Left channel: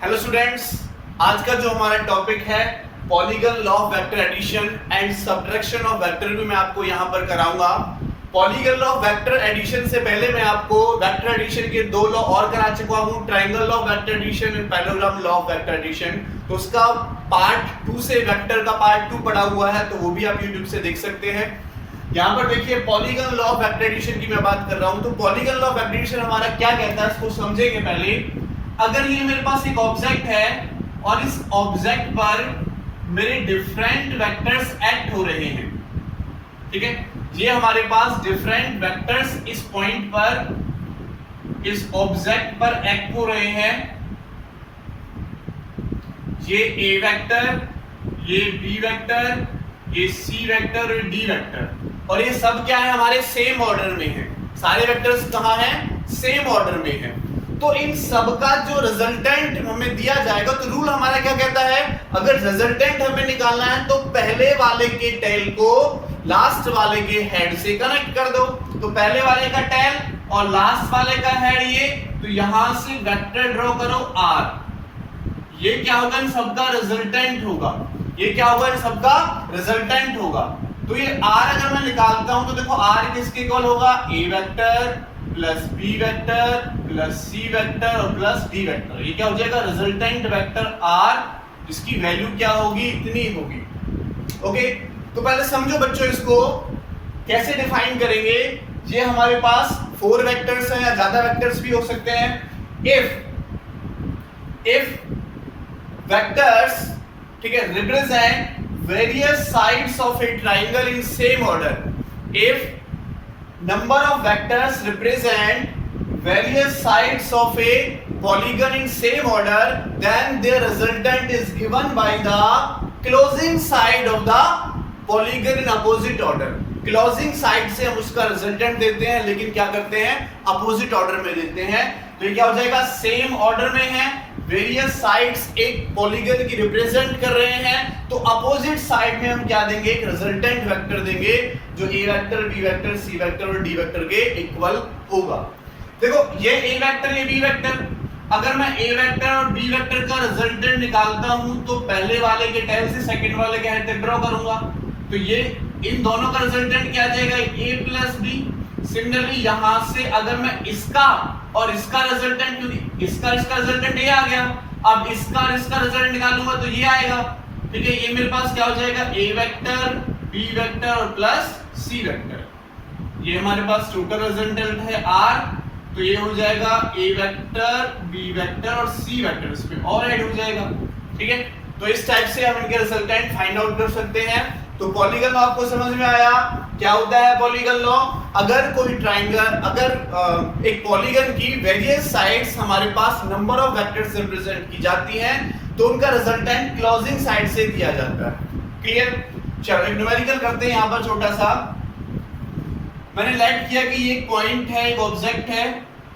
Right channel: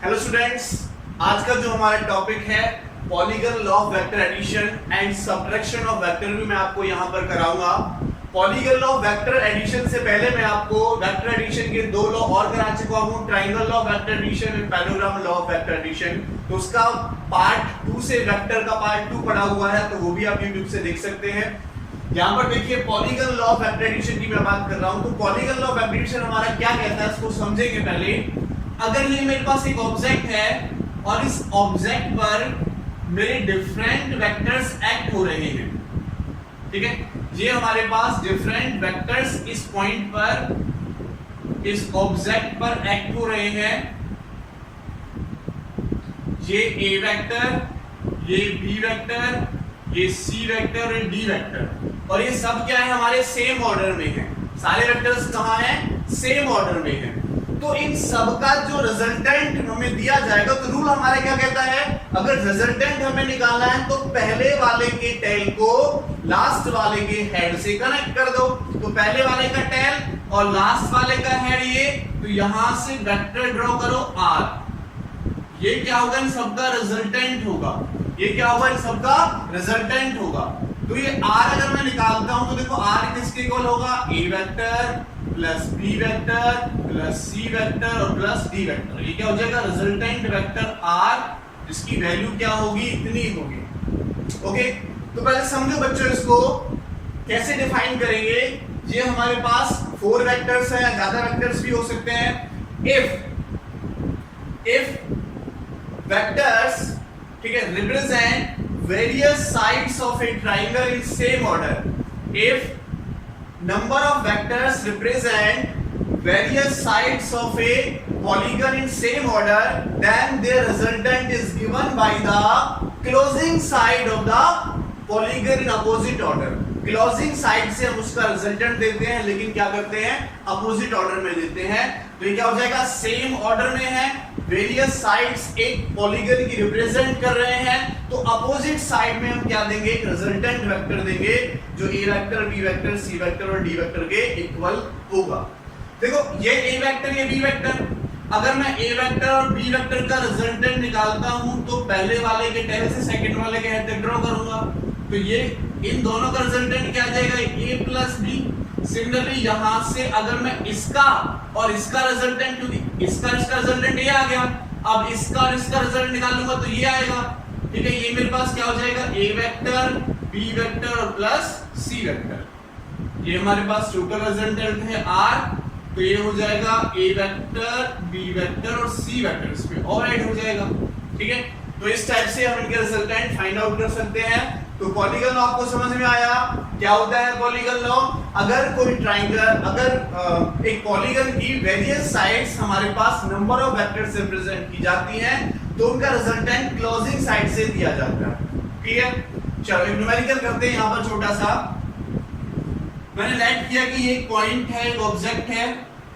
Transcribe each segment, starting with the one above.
Hello students, आज का जो हमारा टॉपिक है polygon law of vector addition and subtraction of vector भी मैं आपको यहाँ पर कराऊंगा। Polygon law of vector addition से पहले मैं आपको वेक्टर एडिशन के दो लॉ और करा चुका हूँ, triangle law of vector addition and parallelogram law of vector addition. तो उसका पार्ट 2 से वेक्टर का पार्ट 2 पढ़ा हुआ है, तो वो भी आप यूट्यूब से देख सकते हैं। यहाँ पर देखिए polygon law of vector addition की मैं बात कर रहा हूँ। तो polygon law of vector addition हमारा क्या कहता है, इसको समझेंगे पहले। अगर ये मेरे पास एक ऑब्जेक्ट है और इस ऑब्जेक्ट पर मेरे डिफरेंट वेक्टर्स एक्ट हो रहे हैं, ठीक है, ये हमारे पास डिफरेंट वेक्टर्स इस पॉइंट पर इस ऑब्जेक्ट पर एक्ट हो रहे हैं। ये ए वेक्टर, ये बी वेक्टर, ये सी वेक्टर और ये डी वेक्टर, और ये सब क्या है, हमारे सेम ऑर्डर में है। सारे वेक्टर्स कहाँ हैं, सेम ऑर्डर में है। तो इन सब का जो रिजल्टेंट हमें दिया जाएगा, तो रूल हमारा क्या कहता है, अगर रिजल्टेंट हमें निकालना है तो पहले वाले के टेल को लास्ट वाले के हेड से कनेक्ट कर दो। तो पहले वाले का टेल और लास्ट वाले का हेड ये, तो यहां से वेक्टर ड्रॉ करो आर। ये क्या होगा, इन सबका रिजल्टेंट होगा। ये क्या होगा, इन सबका रिजल्टेंट होगा। तो ये आर अगर मैं निकालता हूं तो देखो आर किसके इक्वल होगा, A vector plus B vector plus C vector और प्लस डी वेक्टर। ये क्या हो जाएगा, रिजल्टेंट वेक्टर आर, जिसकी वैल्यू क्या होगी, इतनी होगी। ओके, तो पहले समझो बच्चों इसको कैसे डिफाइन करेंगे। ये हमारे पास 4 वेक्टर्स हैं या ज्यादा वेक्टर्स भी हो सकते हैं। इफ वेक्टर्स, ठीक है, represent various sides of A triangle in same order. If number of vectors represent various sides of a polygon in same order, then their resultant is given by the closing side of the polygon in opposite order. closing side से हम उसका resultant देते हैं, लेकिन क्या करते हैं, opposite order में देते हैं। तो ये क्या हो जाएगा, सेम ऑर्डर में है, वेरियस साइड्स एक पॉलीगन की रिप्रेजेंट कर रहे हैं, तो अपोजिट साइड में हम क्या देंगे, एक रिजल्टेंट वेक्टर देंगे जो ए वेक्टर, बी वेक्टर, सी वेक्टर और डी वेक्टर के इक्वल होगा। देखो ये ए वेक्टर, ये बी वेक्टर, अगर मैं ए वेक्टर और बी वेक्टर का रिजल्टेंट निकालता हूं तो पहले वाले के टेल से सेकंड वाले के हेड तक ड्रॉ करूंगा। तो ये इन दोनों का रिजल्टेंट क्या आ जाएगा, ए प्लस बी। सिमिलरली यहां से अगर मैं इसका और इसका रिजल्टेंट, क्योंकि इसका रिजल्टेंट ये आ गया, अब इसका और इसका रिजल्टेंट निकालूंगा तो ये आएगा, ठीक है। ये मेरे पास क्या हो जाएगा, ए वेक्टर, बी वेक्टर और प्लस सी वेक्टर। ये हमारे पास टोटल रिजल्टेंट है आर, तो ये हो जाएगा ए वेक्टर, बी वेक्टर और सी वेक्टर, इसमें और ऐड हो जाएगा, ठीक है। तो इस टाइप से हम इनके रिजल्टेंट फाइंड आउट कर सकते हैं। तो पॉलीगन लॉ आपको समझ में आया, क्या होता है पॉलीगन लॉ। अगर कोई ट्रायंगल, अगर एक पॉलीगन की वेरियस साइड्स हमारे पास नंबर ऑफ वेक्टर्स से रिप्रेजेंट की जाती हैं, तो उनका रिजल्टेंट क्लोजिंग साइड से दिया जाता है। क्लियर, चलो एक न्यूमेरिकल करते हैं। यहाँ पर छोटा सा मैंने लेट किया कि ये पॉइंट है, एक ऑब्जेक्ट है,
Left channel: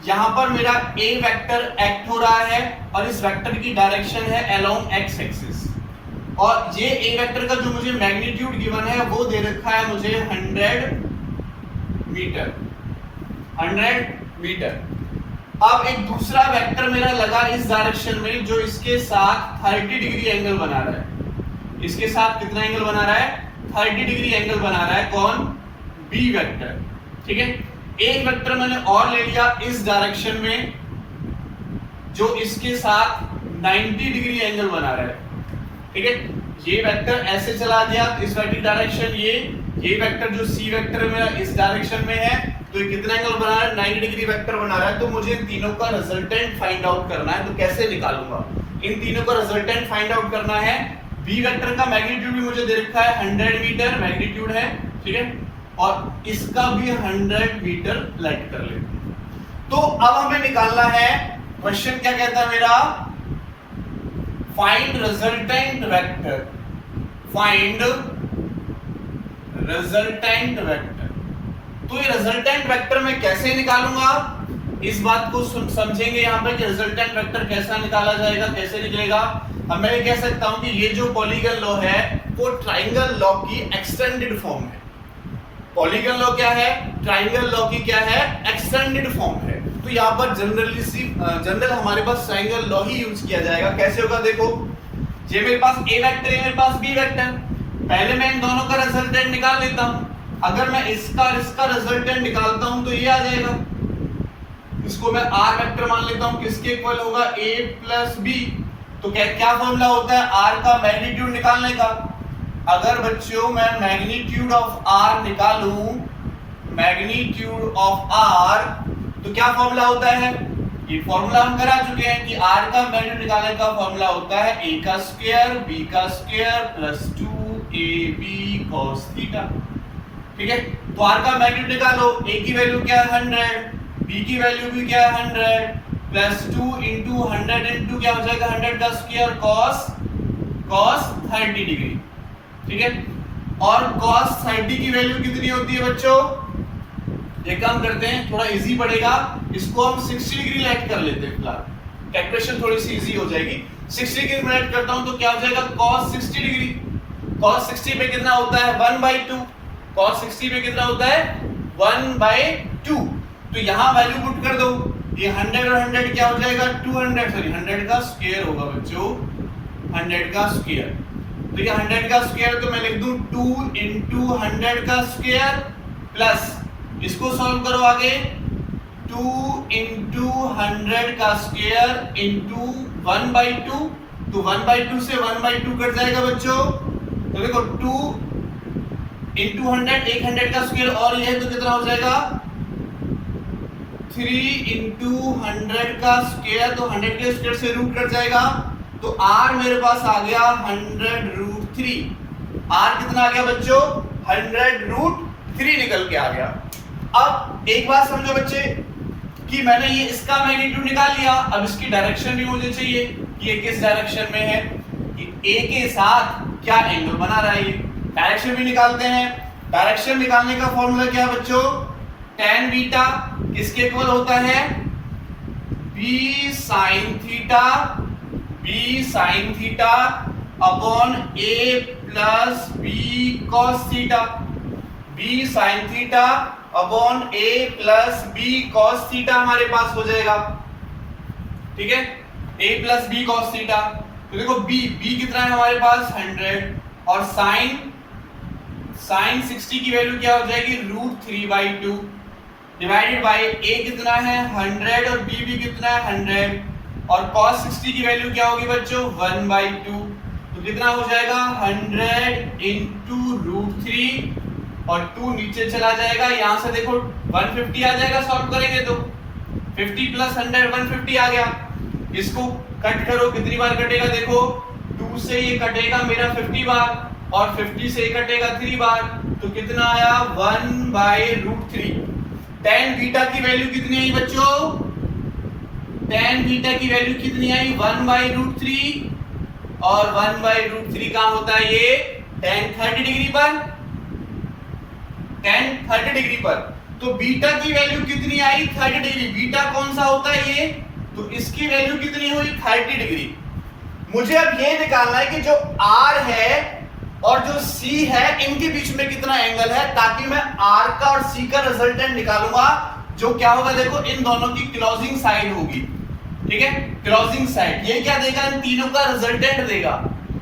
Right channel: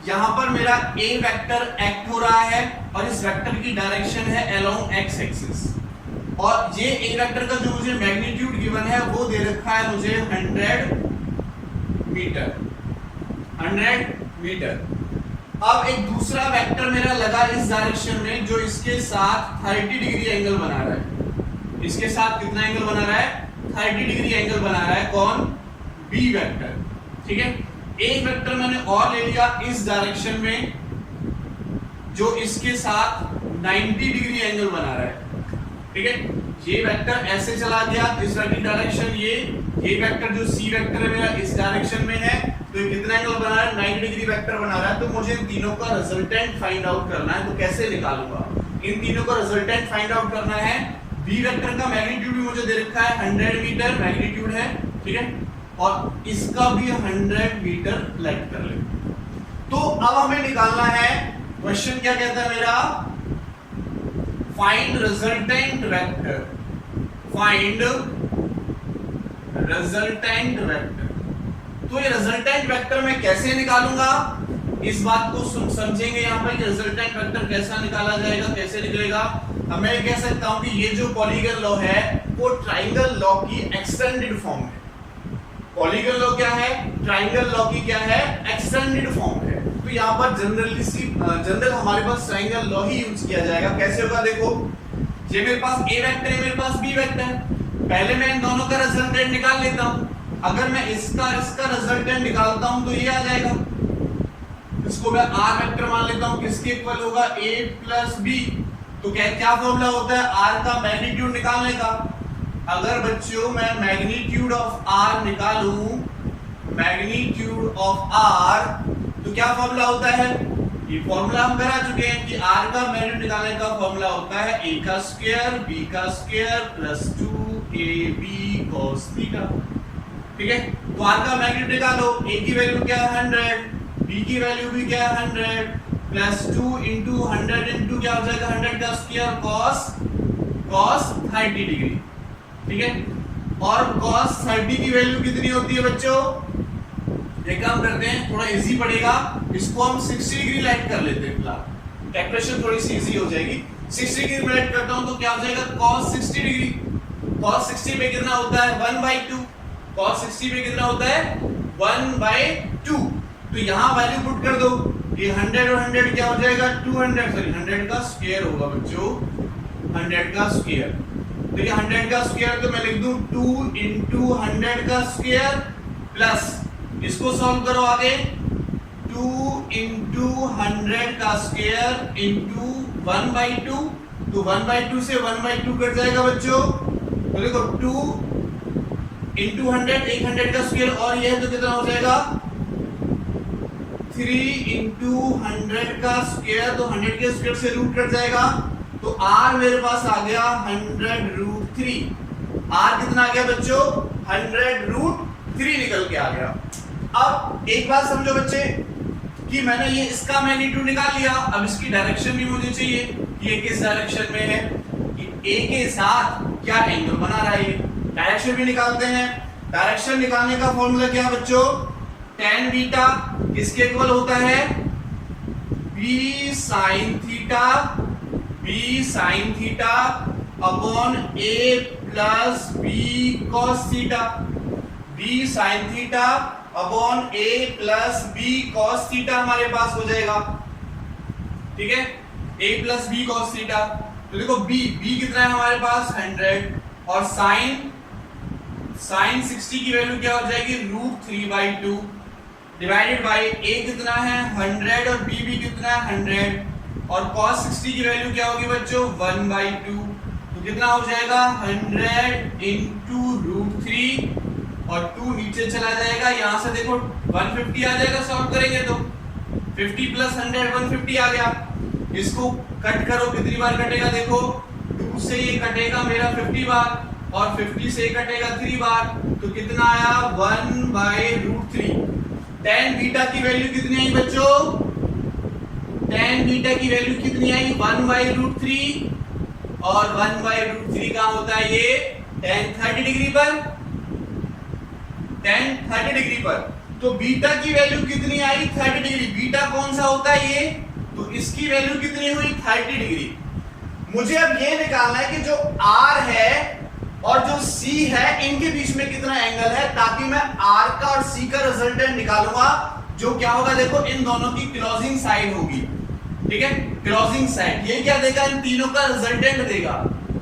यहाँ पर मेरा ए वेक्टर एक्ट हो रहा है और इस वेक्टर की डायरेक्शन है अलोंग एक्स एक्सिस, और ये ए वेक्टर का जो मुझे मैग्नीट्यूड गिवन है वो दे रखा है मुझे 100 मीटर। 100 मीटर। अब एक दूसरा वेक्टर मेरा लगा इस डायरेक्शन में, जो इसके साथ 30 डिग्री एंगल बना रहा है। इसके साथ कितना एंगल बना रहा है, 30 डिग्री एंगल बना रहा है। कौन, बी वेक्टर, ठीक है। एक वेक्टर मैंने और ले लिया इस डायरेक्शन में, जो इसके साथ 90 डिग्री एंगल बना रहा है, ठीक है। ये वेक्टर ऐसे चला गया तो इस वाली डायरेक्शन, ये वेक्टर जो सी वेक्टर है मेरा इस डायरेक्शन में है, तो ये कितना एंगल बना रहा है, 90 डिग्री वेक्टर बना रहा है। तो मुझे इन तीनों का रिजल्टेंट फाइंड आउट करना है। तो कैसे निकालूंगा, इन तीनों का रिजल्टेंट फाइंड आउट करना है। बी वेक्टर का मैग्नीट्यूड भी मुझे दे रखा है, 100 मीटर मैग्नीट्यूड है, ठीक है, और इसका भी 100 मीटर लेट कर ले। तो अब हमें निकालना है, क्वेश्चन क्या कहता है मेरा, find resultant vector, find resultant vector. तो ये रिजल्टेंट वेक्टर मैं कैसे निकालूंगा, इस बात को समझेंगे यहाँ पे कि रिजल्टेंट वेक्टर कैसा निकाला जाएगा, कैसे निकलेगा। अब मैं ये कह सकता हूं कि ये जो पॉलीगन लॉ है वो ट्रायंगल लॉ की एक्सटेंडेड फॉर्म है। पॉलीगन लॉ क्या है, ट्रायंगल लॉ की क्या है, एक्सटेंडेड फॉर्म है। तो यहाँ पर जनरल हमारे पास ट्रायंगल लॉ ही यूज किया जाएगा। कैसे होगा देखो, ये मेरे पास ए वेक्टर है, मेरे पास बी वेक्टर। पहले मैं इन दोनों का रिजल्टेंट निकाल लेता हूँ। अगर मैं इसका रिजल्टेंट निकालता हूँ तो ये आ जाएगा, इसको मैं आर वेक्टर मान लेता हूँ, किसके इक्वल होगा ए प्लस बी। तो क्या फॉर्मूला होता है आर का मैग्नीट्यूड निकालने का। अगर बच्चों मैं मैग्नीट्यूड ऑफ आर निकालूं, मैग्नीट्यूड ऑफ आर, तो क्या फॉर्मूला होता है, ये फॉर्मूला हम करा चुके हैं कि आर का मैग्नीट्यूड निकालने का फॉर्मूला होता है ए का स्क्वायर बी का square plus 2ab cos theta. ठीक है, तो आर का मैग्नीट्यूड निकालो, ए की वैल्यू क्या है 100, बी की वैल्यू भी क्या है 100, प्लस 2 इंटू 100 इंटू क्या हो जाएगा 100 का स्क्वायर cos 30 डिग्री। ठीक है, और cos 30 की वैल्यू कितनी होती है बच्चों, ये काम करते हैं, थोड़ा इजी पड़ेगा, इसको हम 60 डिग्री लाइट कर लेते हैं। फिलहाल कैलकुलेशन थोड़ी सी इजी हो जाएगी। 60 डिग्री में लाइट करता हूं तो क्या हो जाएगा cos 60 डिग्री। cos 60 पे कितना होता है 1/2, cos 60 पे कितना होता है 1/2। तो यहाँ वैल्यू पुट कर दो, ये 100 और 100 क्या हो जाएगा 200, सॉरी 100 का स्क्वायर होगा बच्चों, 100 का स्क्वायर। तो ये 100 का स्क्वायर तो मैं लिख दूं 2 इंटू 100 का स्क्वायर प्लस, इसको सॉल्व करो आगे, 2 इंटू 100 का स्क्वायर इंटू 1/2। तो 1/2 से 1/2 कट जाएगा बच्चों, तो देखो 2 इंटू 100 100 का स्क्वायर और ये है तो कितना हो जाएगा 3 इंटू 100 का स्क्वायर, तो 100 के स्क्वायर से रूट कट जाएगा, तो r मेरे पास आ गया 100√3। r कितना आ गया बच्चों 100√3 निकल के आ गया। अब एक बात समझो बच्चे कि मैंने ये इसका मैग्नीट्यूड निकाल लिया, अब इसकी डायरेक्शन भी मुझे चाहिए कि ये किस डायरेक्शन में है, कि a के साथ क्या एंगल बना रहा है, डायरेक्शन भी निकालते हैं। डायरेक्शन निकालने का फॉर्मूला क्या है बच्चों, tan बीटा किसके इक्वल होता है b sin theta upon a plus b cos theta, b sin theta upon a plus b cos theta हमारे पास हो जाएगा। ठीक है, a plus b cos theta, तो देखो b कितना है हमारे पास 100 और sin 60 की वैल्यू क्या हो जाएगी √3/2 डिवाइडेड बाय a कितना है 100 और b भी कितना है 100 और cos 60 की वैल्यू क्या होगी बच्चों 1/2, तो कितना हो जाएगा 100 इंटू √3 और 2 नीचे चला जाएगा, यहां से देखो 150 आ जाएगा, सॉल्व करेंगे तो 50 प्लस 100 150 आ गया। इसको कट करो, कितनी बार कटेगा देखो, 2 से ये कटेगा मेरा 50 बार और 50 से ये कटेगा 3 बार, तो कितना आया 1/√3। tan बीटा की वैल्यू कितनी आई बच्चों, tan बीटा की वैल्यू कितनी आई 1/√3 और 1/√3 का होता है ये tan 30 डिग्री पर, tan 30 डिग्री पर। तो बीटा की वैल्यू कितनी आई 30 डिग्री, बीटा कौन सा होता है ये, तो इसकी वैल्यू कितनी हुई 30 डिग्री। मुझे अब ये निकालना है कि जो R है और जो C है इनके बीच में कितना एंगल है, ताकि मैं R का और C का रिजल्टेंट निकालूंगा, जो क्या होगा देखो इन दोनों की क्लोजिंग साइड होगी। ठीक है, क्लोजिंग साइड ये क्या देगा, इन तीनों का रिजल्टेंट देगा।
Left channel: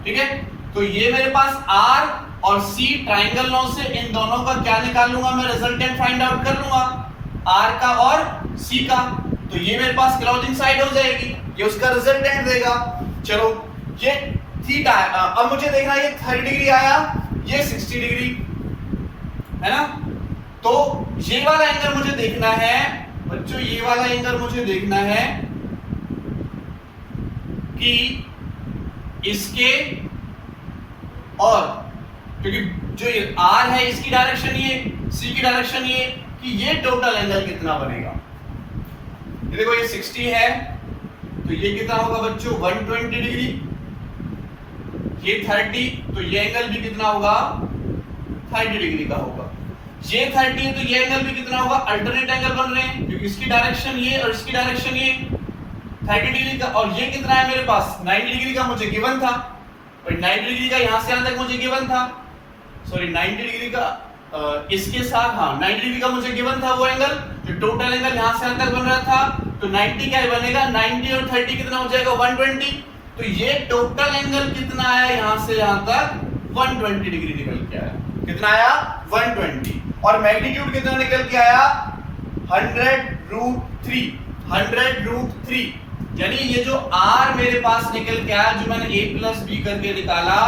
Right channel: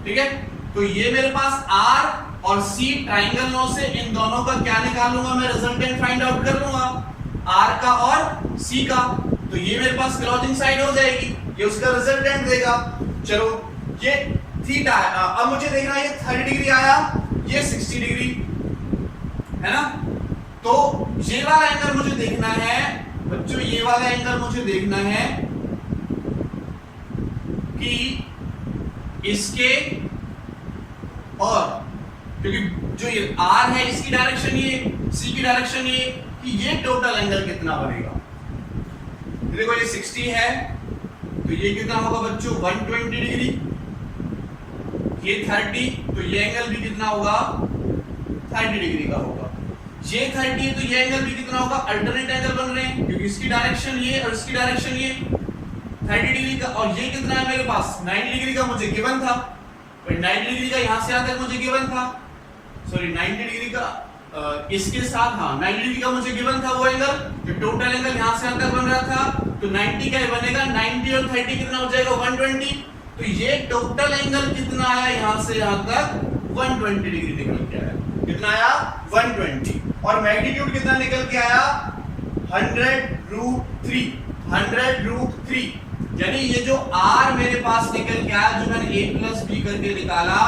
ठीक है, तो ये मेरे पास R और C ट्रायंगल लॉ से इन दोनों का क्या निकाल लूंगा मैं, रिजल्टेंट फाइंड आउट कर लूंगा R का और C का, तो ये मेरे पास क्लोजिंग साइड हो जाएगी, ये उसका रिजल्टेंट देगा। चलो ये थीटा है, अब मुझे देखना ये 30 डिग्री आया, ये 60 डिग्री है ना, तो ये वाला एंगल मुझे देखना है बच्चों, ये वाला एंगल मुझे देखना है कि इसके और, क्योंकि जो ये R है इसकी डायरेक्शन ये, C की डायरेक्शन ये, कि ये टोटल एंगल कितना बनेगा। देखो ये 60 है तो ये कितना होगा बच्चों 120 डिग्री, ये 30 तो ये एंगल भी कितना होगा 30 डिग्री का होगा, ये 30 है तो ये एंगल भी कितना होगा, अल्टरनेट एंगल बन रहे हैं क्योंकि इसकी डायरेक्शन ये और इसकी डायरेक्शन ये 30 डिग्री का, और ये कितना है मेरे पास 90 डिग्री का मुझे गिवन था, और 90 डिग्री का यहां से यहां तक मुझे गिवन था, सॉरी 90 डिग्री का इसके साथ, हाँ 90 डिग्री का मुझे गिवन था वो एंगल, जो टोटल एंगल यहां से यहां तक बन रहा था तो 90 क्या बनेगा, 90 और 30 कितना हो जाएगा 120। तो ये टोटल एंगल कितना आया यहां से यहां तक 120 डिग्री निकल के आया। कितना आया 120। और मैग्नीट्यूड कितना निकल के आया 100√3। 100√3 यानी ये जो r मेरे पास निकल के आया, जो मैंने a + b करके निकाला,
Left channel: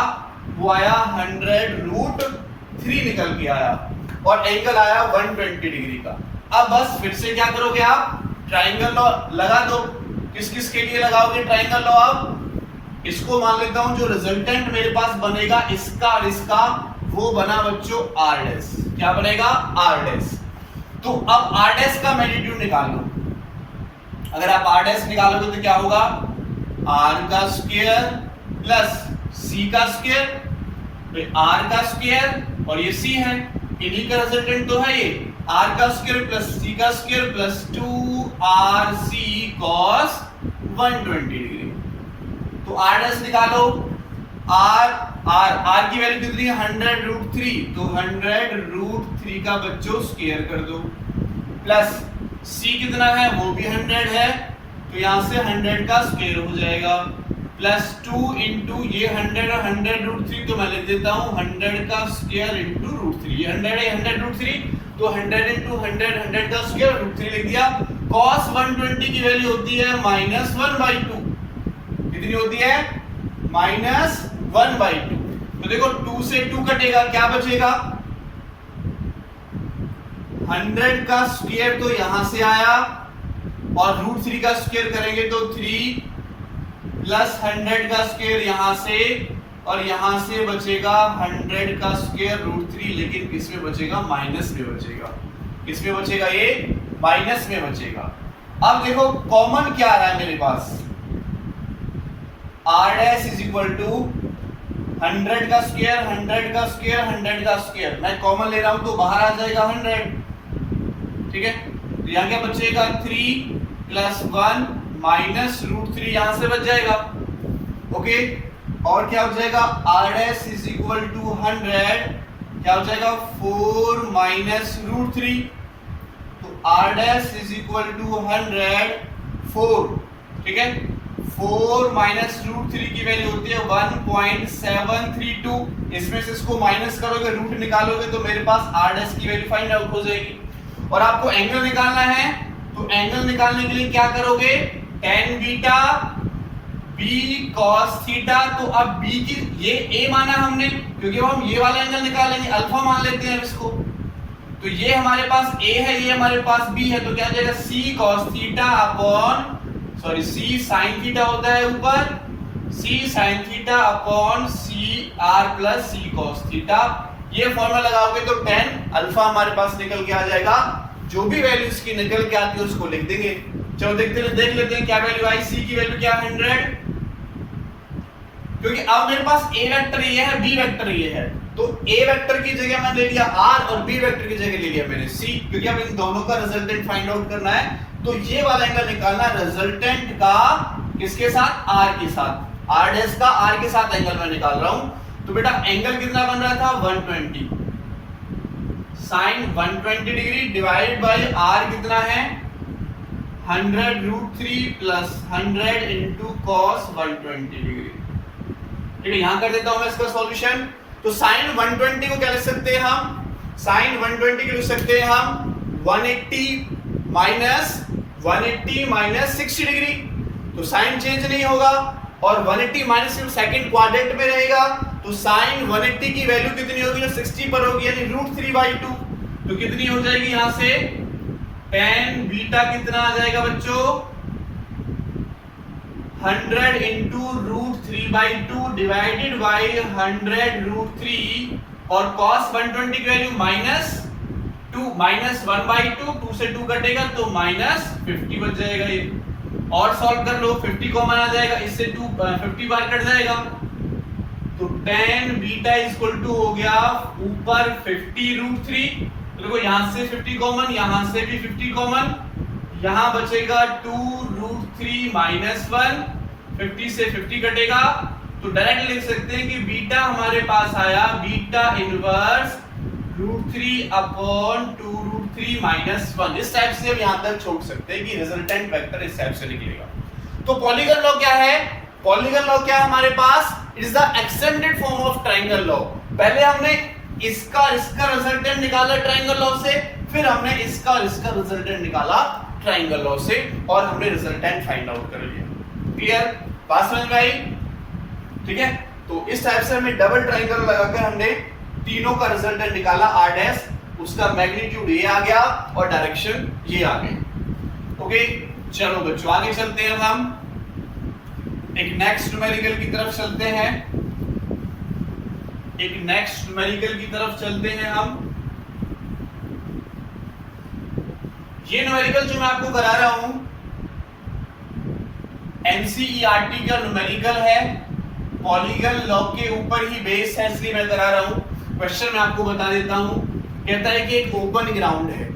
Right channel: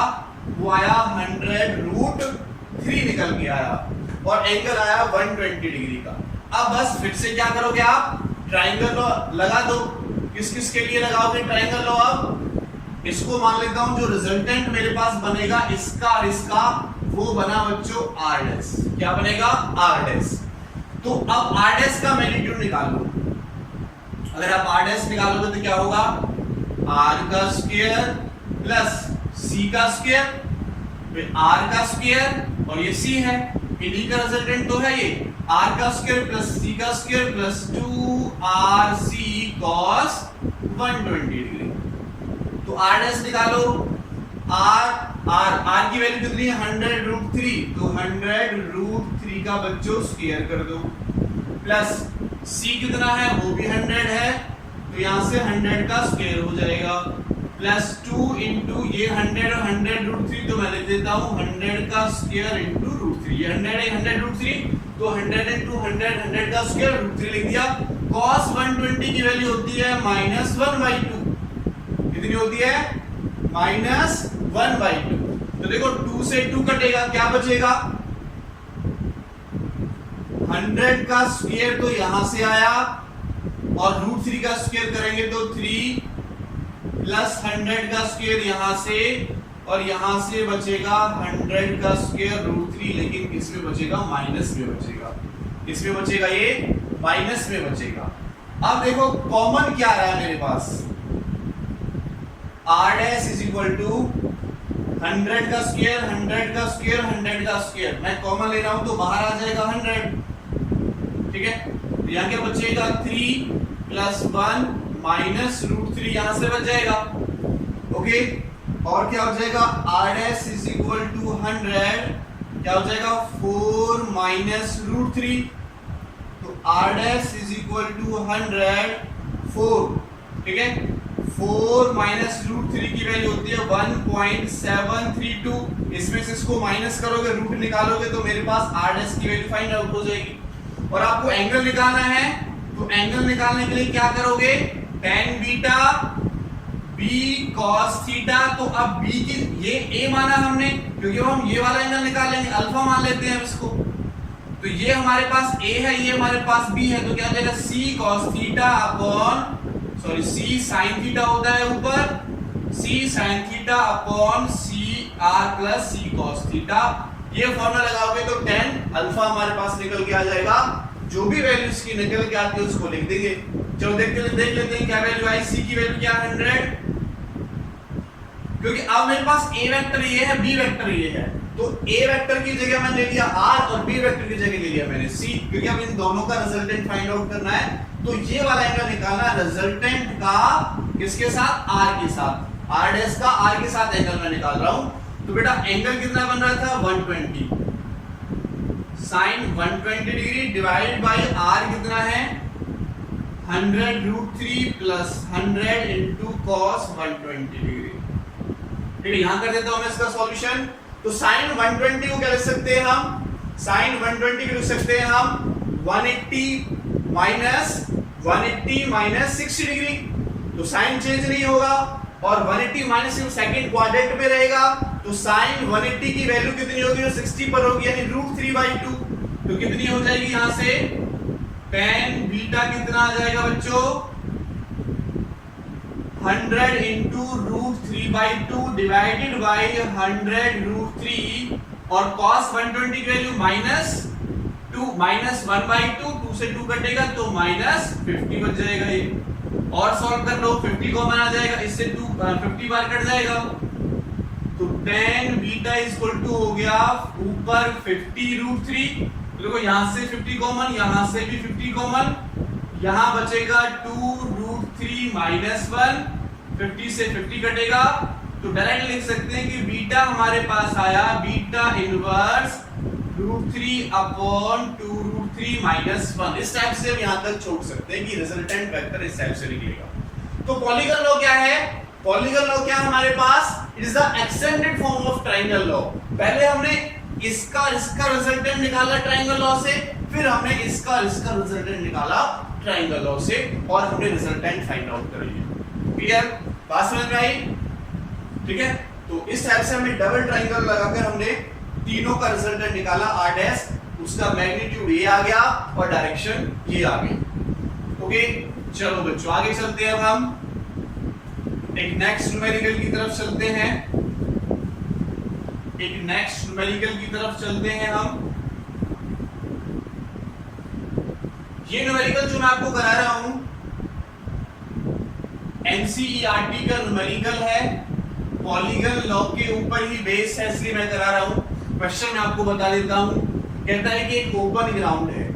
वो आया 100√3 निकल के आया और एंगल आया 120 डिग्री का। अब बस फिर से क्या करोगे आप, ट्रायंगल लॉ लगा दो। किस किस के लिए लगाओगे ट्रायंगल लॉ? अब इसको मान लेता हूं, जो रिजल्टेंट मेरे पास बनेगा इसका और इसका, वो बना बच्चों r'। क्या बनेगा r'। तो अब r' का मैग्नीट्यूड निकाल लो। अगर आप r' निकालोगे तो क्या होगा, r² प्लस c का स्क्वायर, r का स्क्वायर और ये c है, इन्हीं का रिजल्टेंट तो है ये, r का स्क्वायर प्लस c का square plus 2rc cos 120 degree. तो r' निकालो। r की वैल्यू कितनी है 100√3, तो 100√3 का बच्चों स्क्वायर कर दो, प्लस c कितना है वो भी 100 है, तो यहां से 100 का स्क्वायर हो जाएगा, प्लस 2 इंटू ये 100 और 100√3, तो मैं लिख देता हूं 100 का स्क्वायर इंटू √3। ये 100 है 100√3, तो 100 इंटू 100 का स्क्वायर √3 लिख दिया। cos 120 की वैल्यू होती है -1/2। कितनी होती है -1/2। तो देखो 2 से 2 कटेगा, क्या बचेगा 100 का स्क्वायर, तो यहां से आया, और √3 का स्क्वायर करेंगे तो 3 प्लस 100 का स्क्वायर यहां से, और यहां से बचेगा 100 का स्क्वायर √3, लेकिन किसमें बचेगा, माइनस में बचेगा। किसमें बचेगा, ये माइनस में बचेगा। अब देखो कॉमन क्या है मेरे पास, r' = 100 का स्क्वायर 100 का स्क्वायर 100 का स्क्वायर, मैं कॉमन ले रहा हूं तो बाहर आ जाएगा 100। ठीक है, तो यहाँ क्या बचेगा 3 + 1 माइनस √3 यहां से बच जाएगा। ओके, और क्या हो जाएगा, r' = 100, क्या हो जाएगा 4 माइनस √3, तो r' = 100 4। ठीक है, 4 माइनस √3 की वैल्यू होती है 1.732। इसमें से इसको माइनस करोगे, रूट निकालोगे, तो मेरे पास r' की वैल्यू फाइंड आउट हो जाएगी। और आपको एंगल निकालना है, तो एंगल निकालने के लिए क्या करोगे, tan beta b cos theta. तो अब b की ये a माना हमने, क्योंकि हम ये वाला एंगल निकालेंगे, अल्फा मान लेते हैं इसको। तो ये हमारे पास a है, ये हमारे पास b है, तो क्या हो जाएगा c cos theta upon c sin theta होता है ऊपर, c sin theta upon c r plus c cos theta. ये फॉर्मूला लगाओगे तो tan अल्फा हमारे पास निकल के आ जाएगा। जो भी वैल्यू इसकी निकल के आती है उसको लिख देंगे। चलो देख लेते हैं क्या वैल्यू आई। c की वैल्यू क्या 100, क्योंकि अब मेरे पास a वेक्टर ये है, b वेक्टर ये है, तो a वेक्टर की जगह मैंने ले लिया r और b वेक्टर की जगह ले लिया मैंने c, क्योंकि अब इन दोनों का रिजल्टेंट फाइंड आउट करना है। तो ये वाला एंगल निकालना है रिजल्टेंट का किसके साथ, r के साथ, r' का r के साथ एंगल मैं निकाल रहा हूं। तो बेटा एंगल कितना बन रहा था 120, sin 120 degree divided by r कितना है 100√3 प्लस 100 इंटू cos 120 डिग्री। ठीक है, यहां कर देता हूं मैं इसका सॉल्यूशन। तो sin 120 को क्या लिख सकते हैं हम, sin 120 को लिख सकते हैं हम 180 माइनस 60 डिग्री। तो साइन चेंज नहीं होगा और 180 माइनस सेकंड क्वाड्रेंट में रहेगा, तो sin 180 की वैल्यू कितनी होगी, जो 60 पर होगी, यानी √3/2। तो कितनी हो जाएगी यहां से, tan बीटा कितना आ जाएगा बच्चों 100 इंटू √3/2 डिवाइडेड बाय 100√3, और cos 120 की वैल्यू -2 -1/2, 2 से 2 कटेगा तो -50 बच जाएगा ये। और सॉल्व कर लो, 50 कॉमन आ जाएगा, इससे 50 बार कट जाएगा, तो tan बीटा इक्वल टू हो गया ऊपर 50√3। देखो यहां से 50 कॉमन, यहां से भी 50 कॉमन, यहां बचेगा 2√3 -1, 50 से 50 कटेगा, तो डायरेक्ट लिख सकते हैं कि बीटा हमारे पास आया बीटा इनवर्स √3 अपॉन 2√3 3 माइनस 1। इस टाइप से हम यहां तक छोड़ सकते हैं कि रिजल्टेंट वेक्टर इस टाइप से निकलेगा। तो पॉलीगन लॉ क्या है? पॉलीगन लॉ क्या है हमारे पास? It is the extended form of triangle law. पहले हमने इसका रिजल्टेंट निकाला ट्रायंगल लॉ से, फिर हमने इसका रिजल्टेंट निकाला ट्रायंगल लॉ से, और हमने रिजल्टेंट फाइंड आउट कर लिया। क्लियर? बात समझ में आई? ठीक है, तो इस टाइप से हमें डबल ट्रायंगल लगाकर हमने तीनों का रिजल्टेंट निकाला r डैश, उसका मैग्नीट्यूड ये आ गया और डायरेक्शन ये आ गई। ओके, चलो बच्चों आगे चलते हैं। अब हम एक नेक्स्ट न्यूमेरिकल की तरफ चलते हैं। एक नेक्स्ट न्यूमेरिकल की तरफ चलते हैं हम। ये न्यूमेरिकल जो मैं आपको करा रहा हूं एनसीईआरटी का न्यूमेरिकल है, पॉलीगन लॉ के ऊपर ही बेस है, इसलिए मैं करा रहा हूं। क्वेश्चन मैं आपको बता देता हूं। कहता है कि एक ओपन ग्राउंड है,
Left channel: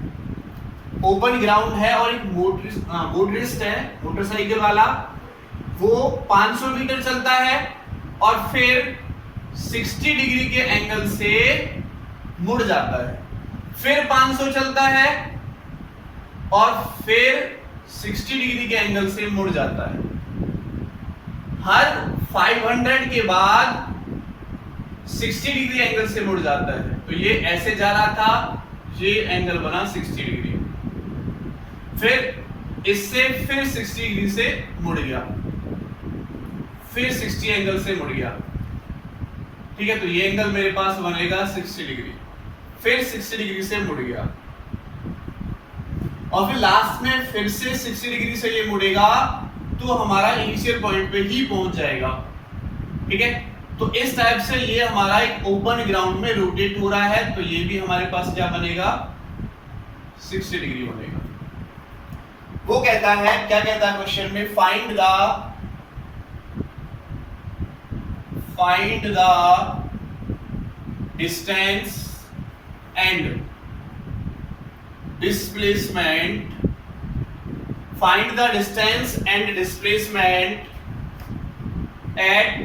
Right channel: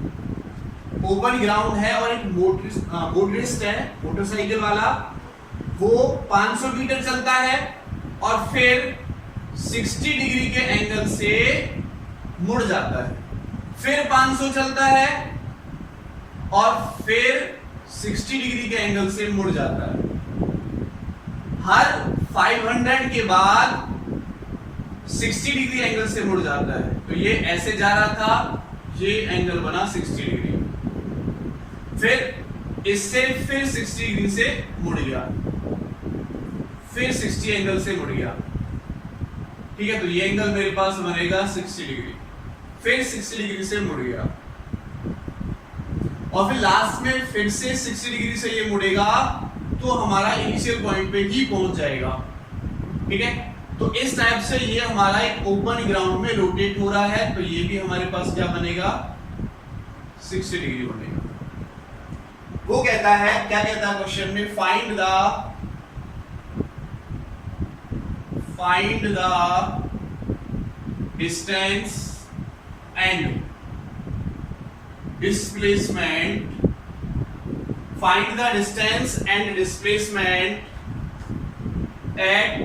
ओपन ग्राउंड है और एक मोटरिस्ट है, मोटरसाइकिल वाला, वो 500 मीटर चलता है और फिर 60 डिग्री के एंगल से मुड़ जाता है, फिर 500 चलता है और फिर 60 डिग्री के एंगल से मुड़ जाता है। हर 500 के बाद 60 डिग्री एंगल से मुड़ जाता है। तो ये ऐसे जा रहा था, ये एंगल बना 60 डिग्री, फिर इससे फिर 60 डिग्री से मुड़ गया, फिर 60 एंगल से मुड़ गया। ठीक है, तो ये एंगल मेरे पास बनेगा 60 डिग्री, फिर 60 डिग्री से मुड़ गया और फिर लास्ट में फिर से 60 डिग्री से ये मुड़ेगा, तो हमारा इनिशियल पॉइंट पे ही पहुंच जाएगा। ठीक है, तो इस टाइप से ये हमारा एक ओपन ग्राउंड में रोटेट हो रहा है, तो ये भी हमारे पास क्या बनेगा? 60 डिग्री बनेगा। वो कहता है, क्या कहता है क्वेश्चन में? Find the distance and displacement, find the distance and displacement at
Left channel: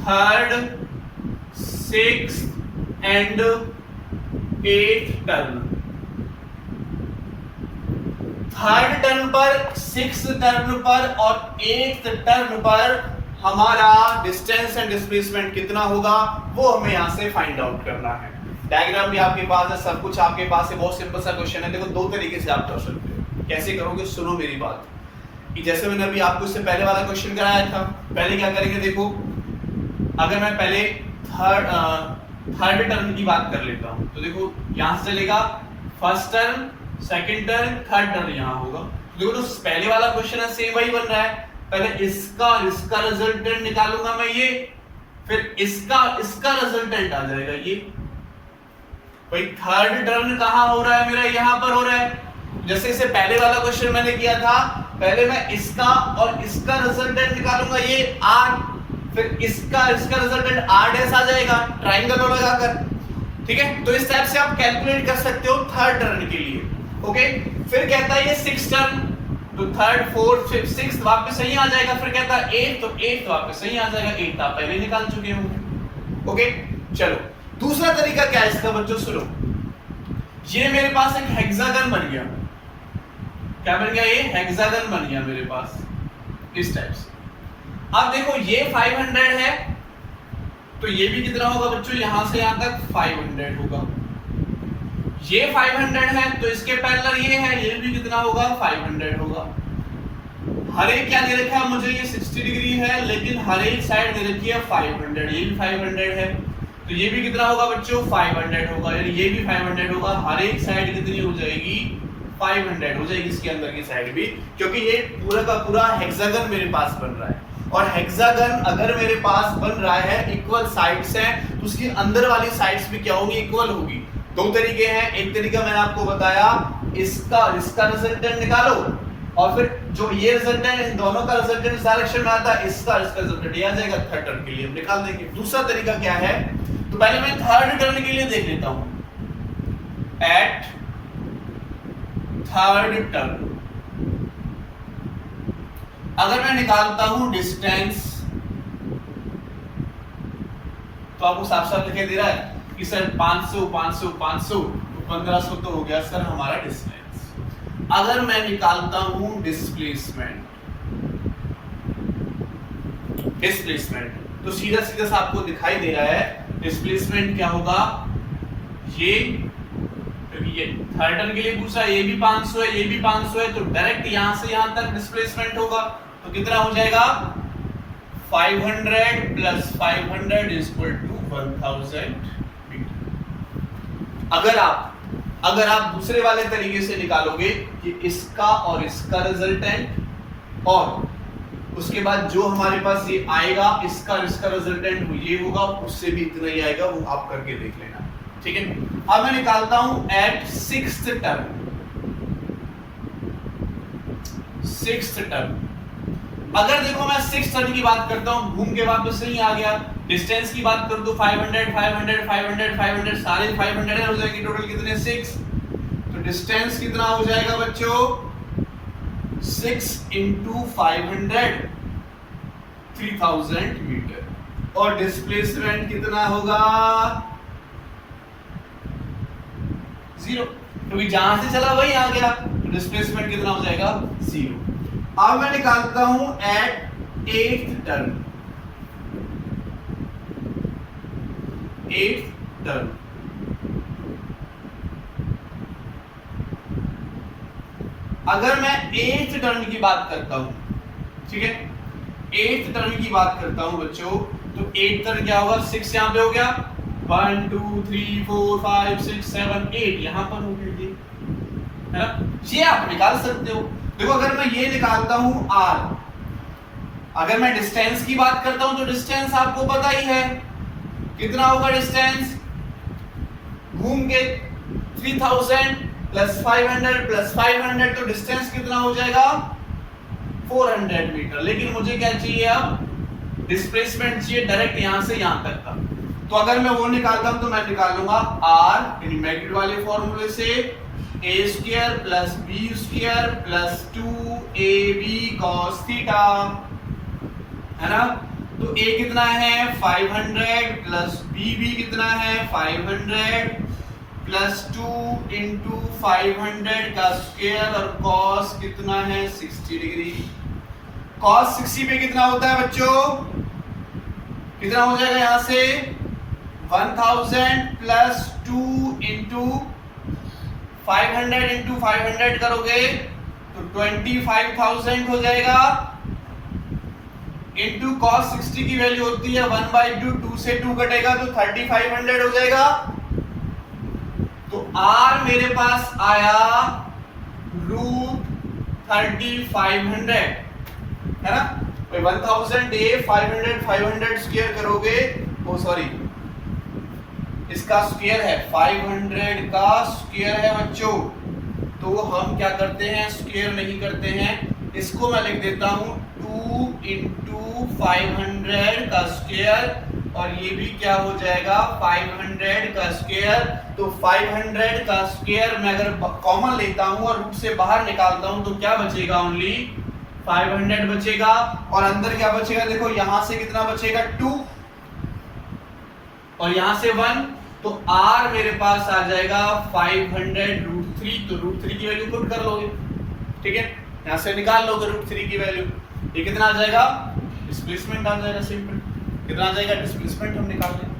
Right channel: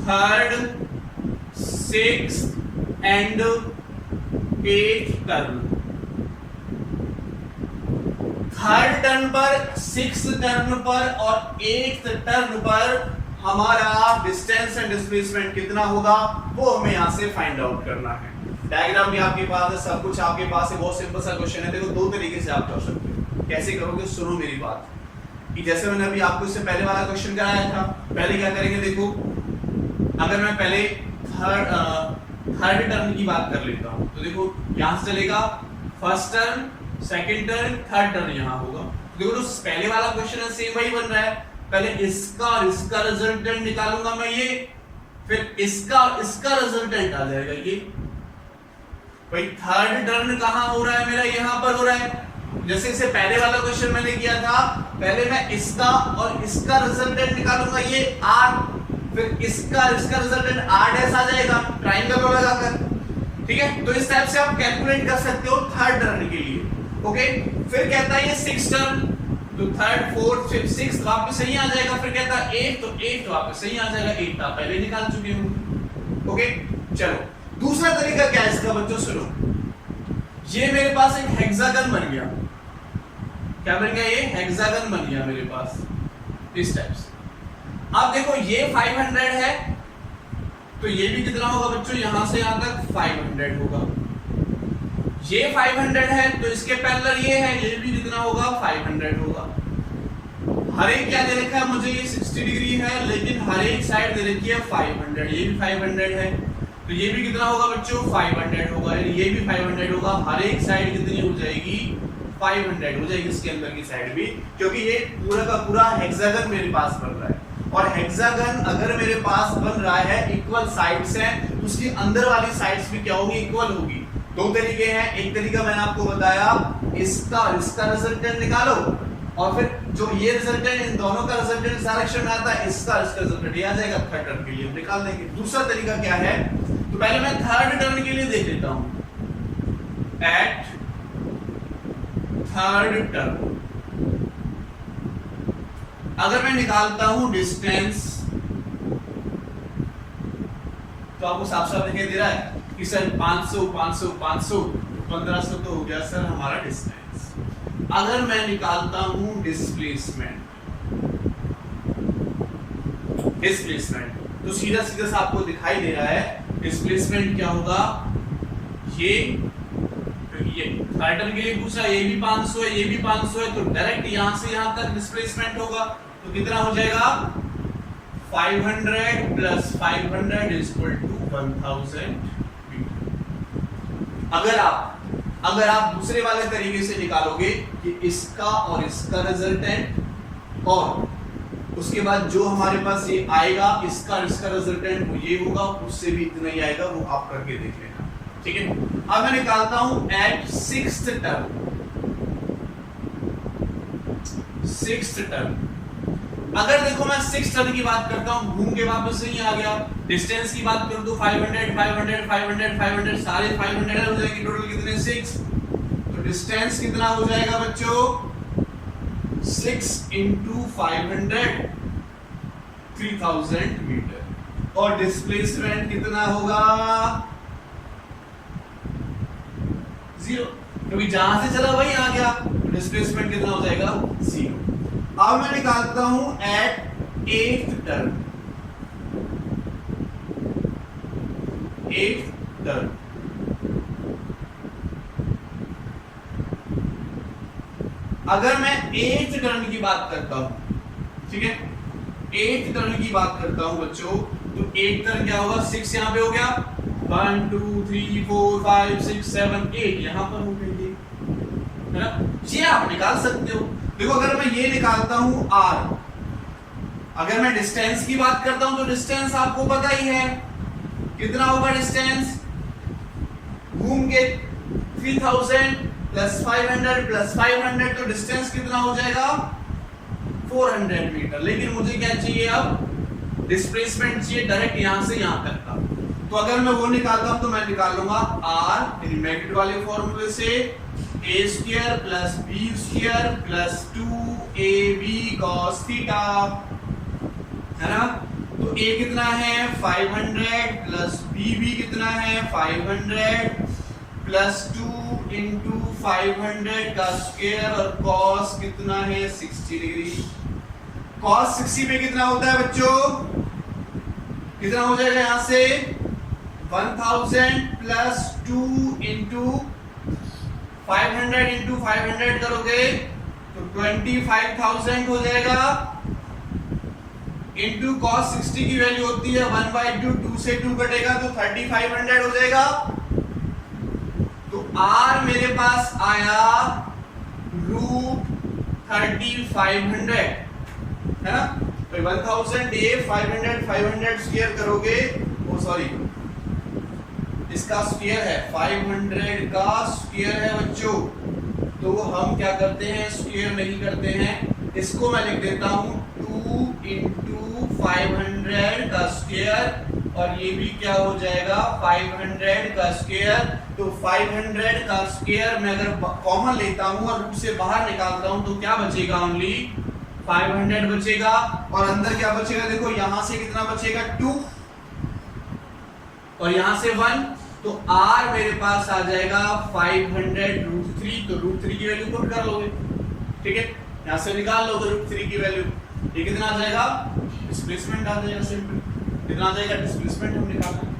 third, sixth and eighth turn। Third turn पर, सिक्स्थ टर्न पर और एट्थ टर्न पर हमारा डिस्टेंस एंड डिस्प्लेसमेंट कितना होगा, वो हमें यहां से फाइंड आउट करना है। डायग्राम भी आपके पास है, सब कुछ आपके पास है, बहुत सिंपल सा क्वेश्चन है। देखो दो तरीके से आप कर सकते हो। कैसे करोगे? सुनो मेरी बात, कि जैसे मैंने अभी आपको इससे पहले वाला क्वेश्चन कराया था। पहले क्या करेंगे? देखो, अगर मैं पहले थर्ड टर्न की बात कर लेता हूं, तो देखो यहां से चलेगा first turn, second turn, third turn यहां होगा। देखो जो पहले वाला क्वेश्चन है सेम वही बन रहा है। पहले इसका रिजल्टेंट निकालूंगा मैं ये, फिर इसका रिजल्टेंट आ जाएगा ये। भाई थर्ड टर्न कहां हो रहा है मेरा? यहां पर हो रहा है। जैसे इसे पहले वाला क्वेश्चन मैंने किया था, पहले मैं इसका और इसका रिजल्टेंट निकालूंगा ये r, फिर इसका रिजल्टेंट r डैश आ जाएगा ट्रायंगल में लगाकर। ठीक है, तो इस टाइप से आप कैलकुलेट कर सकते हो थर्ड टर्न के लिए। ओके, फिर कहता है ये सिक्स टर्न, तो थर्ड, फोर्थ, फिफ्थ, सिक्स्थ वापस सही आ जाएगा। फिर कहता है एट, तो एट वापस सही आ जाएगा। एट आप पहले निकाल चुके होंगे। ओके, चलो दूसरा तरीका क्या है इसका बच्चों? सुनो, ये मेरे पास एक हेक्सागन बन गया। क्या बन गया? ये हेक्सागन बन गया मेरे पास इस टाइप से। अब देखो ये 500 है, तो ये भी कितना होगा बच्चों? यहां से यहां तक 500 होगा। ये 500 है, तो इसके पैरेलल ये है, ये भी कितना होगा? 500 होगा। हर एक क्या दे रखा है मुझे? ये 60 डिग्री है, लेकिन हर एक साइड दे रखी है 500। ये भी 500 है, तो ये भी कितना होगा बच्चों? 500 होगा। यानी ये भी 500 होगा। हर एक साइड कितनी हो जाएगी? 500 हो जाएगी इसके अंदर की साइड भी, क्योंकि ये पूरा का पूरा हेक्सागन मेरे पास बन रहा है। और हेक्सागन अगर मेरे पास बन रहा है, इक्वल साइड्स हैं, तो उसकी अंदर वाली साइड्स भी क्या होंगी? इक्वल होगी। दो तरीके हैं। एक तरीका मैंने आपको बताया, इसका रिजल्टेंट निकालो, और फिर जो ये रिजल्टेंट, इन दोनों का रिजल्टेंट इस डायरेक्शन में आता है, इसका रिजल्टेंट ये आ जाएगा। थर्ड टर्न के लिए निकाल देंगे। दूसरा तरीका क्या है? तो पहले मैं थर्ड टर्न के लिए देख लेता हूं। एट थर्ड टर्न अगर मैं निकालता हूं डिस्टेंस, तो आपको साफ साफ दिखाई दे रहा है कि सर 500 500 500, 1500 तो हो गया सर हमारा डिस्टेंस। अगर मैं निकालता हूं डिस्प्लेसमेंट तो सीधा सीधा सा आपको दिखाई दे रहा है डिस्प्लेसमेंट क्या होगा, ये थर्ड टर्न के लिए पूछा, ये भी 500 है, ये भी 500 है, तो डायरेक्ट यहां से यहां तक डिस्प्लेसमेंट होगा, तो कितना हो जाएगा 500 plus 500 is equal to 1000 metre. अगर आप दूसरे वाले तरीके से निकालोगे कि इसका और इसका रिजल्टेंट और उसके बाद जो हमारे पास ये आएगा इसका और इसका रिजल्टेंट वो ये होगा, उससे भी इतना ही आएगा, वो आप करके देख लेना, ठीक है। अब मैं निकालता हूं एट सिक्स्थ टर्न। अगर देखो मैं सिक्स्थ टर्न की बात करता हूं, घूम के वापस नहीं आ गया, डिस्टेंस की बात करूं तो 500 500 500 500 सारे 500 हो जाएगी, टोटल कितने 6, तो डिस्टेंस कितना हो जाएगा बच्चों 6 into 500 3000 मीटर, और डिस्प्लेसमेंट कितना होगा 0, क्योंकि जहां से चला वही आ गया, तो डिस्प्लेसमेंट कितना हो जाएगा 0। अब मैं निकालता हूं एट एट्थ टर्न। अगर मैं एट्थ टर्न की बात करता हूं, ठीक है, एट्थ टर्न की बात करता हूं बच्चों, तो एट्थ टर्न क्या होगा, 6 यहां पे हो गया, 1 2 3 4 5 6 7 8 यहां पर हो गई, है ना, ये आप निकाल सकते हो। देखो अगर मैं ये निकालता हूं r, अगर मैं डिस्टेंस की बात करता हूं तो डिस्टेंस आपको पता ही है कितना होगा, डिस्टेंस घूम के 3000 प्लस 500 प्लस 500, तो डिस्टेंस कितना हो जाएगा 400 मीटर। लेकिन मुझे क्या चाहिए, अब डिस्प्लेसमेंट चाहिए डायरेक्ट यहां से यहां तक का, तो अगर मैं वो निकालता हूं तो मैं निकाल लूंगा r यानी मैग्नीट्यूड वाले फॉर्मूले से a square plus b square plus 2ab cos theta, है ना, तो a कितना है 500 प्लस b भी कितना है 500 प्लस 2 इंटू 500 का स्क्वायर, और cos कितना है 60 डिग्री, cos 60 पे कितना होता है बच्चों, कितना हो जाएगा यहां से 1000 प्लस 2 इंटू 500 इंटू 500 करोगे तो 25000 हो जाएगा, इंटू cos 60 की वैल्यू होती है 1/2, 2 से 2 कटेगा तो 3500 हो जाएगा। तो r मेरे पास आया √3500, है ना, तो 1000 a 500 स्क्वायर करोगे, ओ सॉरी इसका स्क्वायर है 500 का स्क्वायर है बच्चों, तो हम क्या करते हैं स्क्वायर नहीं करते हैं, इसको मैं लिख देता हूं 2 इंटू 500 का स्क्वायर, और ये भी क्या हो जाएगा 500 का स्क्वायर, तो 500 का स्क्वायर मैं अगर कॉमन लेता हूं और उसे बाहर निकालता हूं तो क्या बचेगा, ओनली 500 बचेगा, और अंदर क्या बचेगा, देखो यहां से कितना बचेगा 2 और यहां से 1, तो r मेरे पास आ जाएगा 500√3, तो √3 की वैल्यू पुट कर लोगे, ठीक है, यहां से निकाल लो तो √3 की वैल्यू, ये कितना आ जाएगा डिस्प्लेसमेंट आ जाएगा, सिंपल कितना आ जाएगा डिस्प्लेसमेंट हम निकाल लेंगे।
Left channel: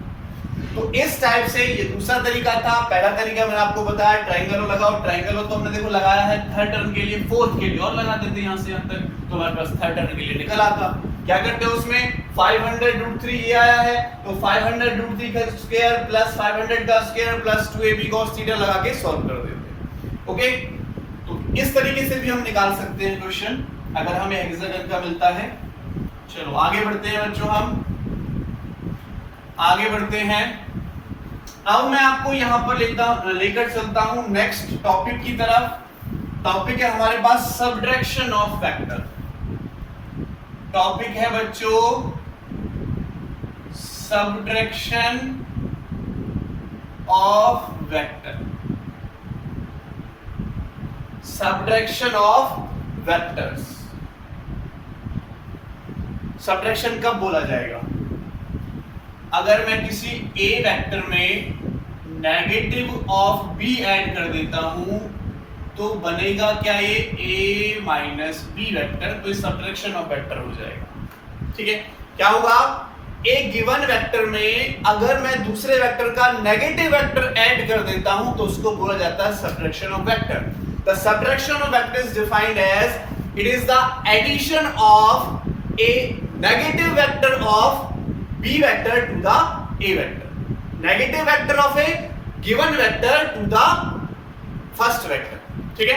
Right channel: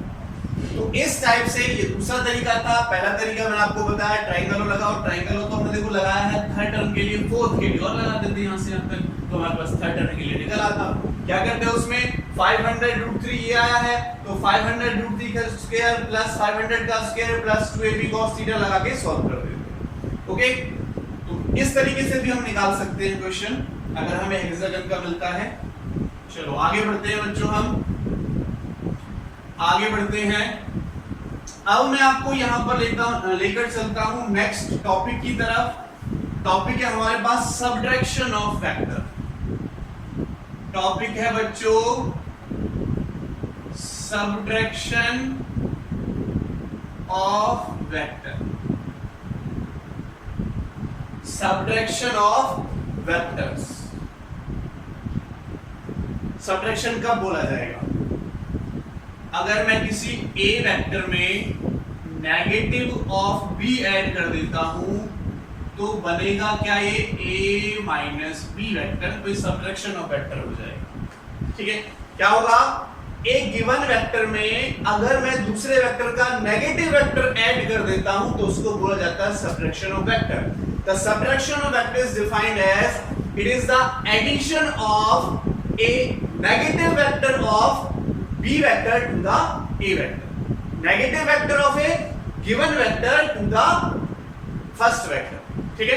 तो इस टाइप से ये दूसरा तरीका था। पहला तरीका मैंने आपको बताया ट्रायंगल लगाओ, ट्रायंगल तो हमने देखो लगाया है थर्ड टर्न के लिए, फोर्थ के लिए और लगा देते हैं यहां से यहां तक, तो हमारे पास थर्ड टर्न के लिए निकल आता। क्या करते हैं उसमें 500√3 ये आया है, तो 500√3 का स्क्वायर प्लस 500 का square plus 2ab cos theta लगा के सॉल्व कर देते हैं। ओके, तो इस तरीके से भी हम निकाल सकते हैं क्वेश्चन अगर हमें हेक्सागन का मिलता है। चलो आगे बढ़ते हैं बच्चों, हम आगे बढ़ते हैं। अब मैं आपको यहां पर लेकर चलता हूं नेक्स्ट टॉपिक की तरफ। टॉपिक है हमारे पास सब्ट्रैक्शन ऑफ वेक्टर। टॉपिक है बच्चों subtraction of vector. Subtraction of vectors. Subtraction कब बोला जाएगा? अगर मैं किसी ए वेक्टर में नेगेटिव ऑफ बी ऐड कर देता हूं तो बनेगा क्या, ये a माइनस बी वेक्टर, तो ये सब्ट्रैक्शन ऑफ वेक्टर हो जाएगा। ठीक है, क्या होगा, एक गिवन वेक्टर में अगर मैं दूसरे वेक्टर का नेगेटिव वेक्टर ऐड कर देता हूं तो उसको बोला जाता है subtraction of vector. The subtraction of vector is defined as it is the addition of a negative vector of B vector to the A vector, negative vector of a given vector to the first vector. ठीक है,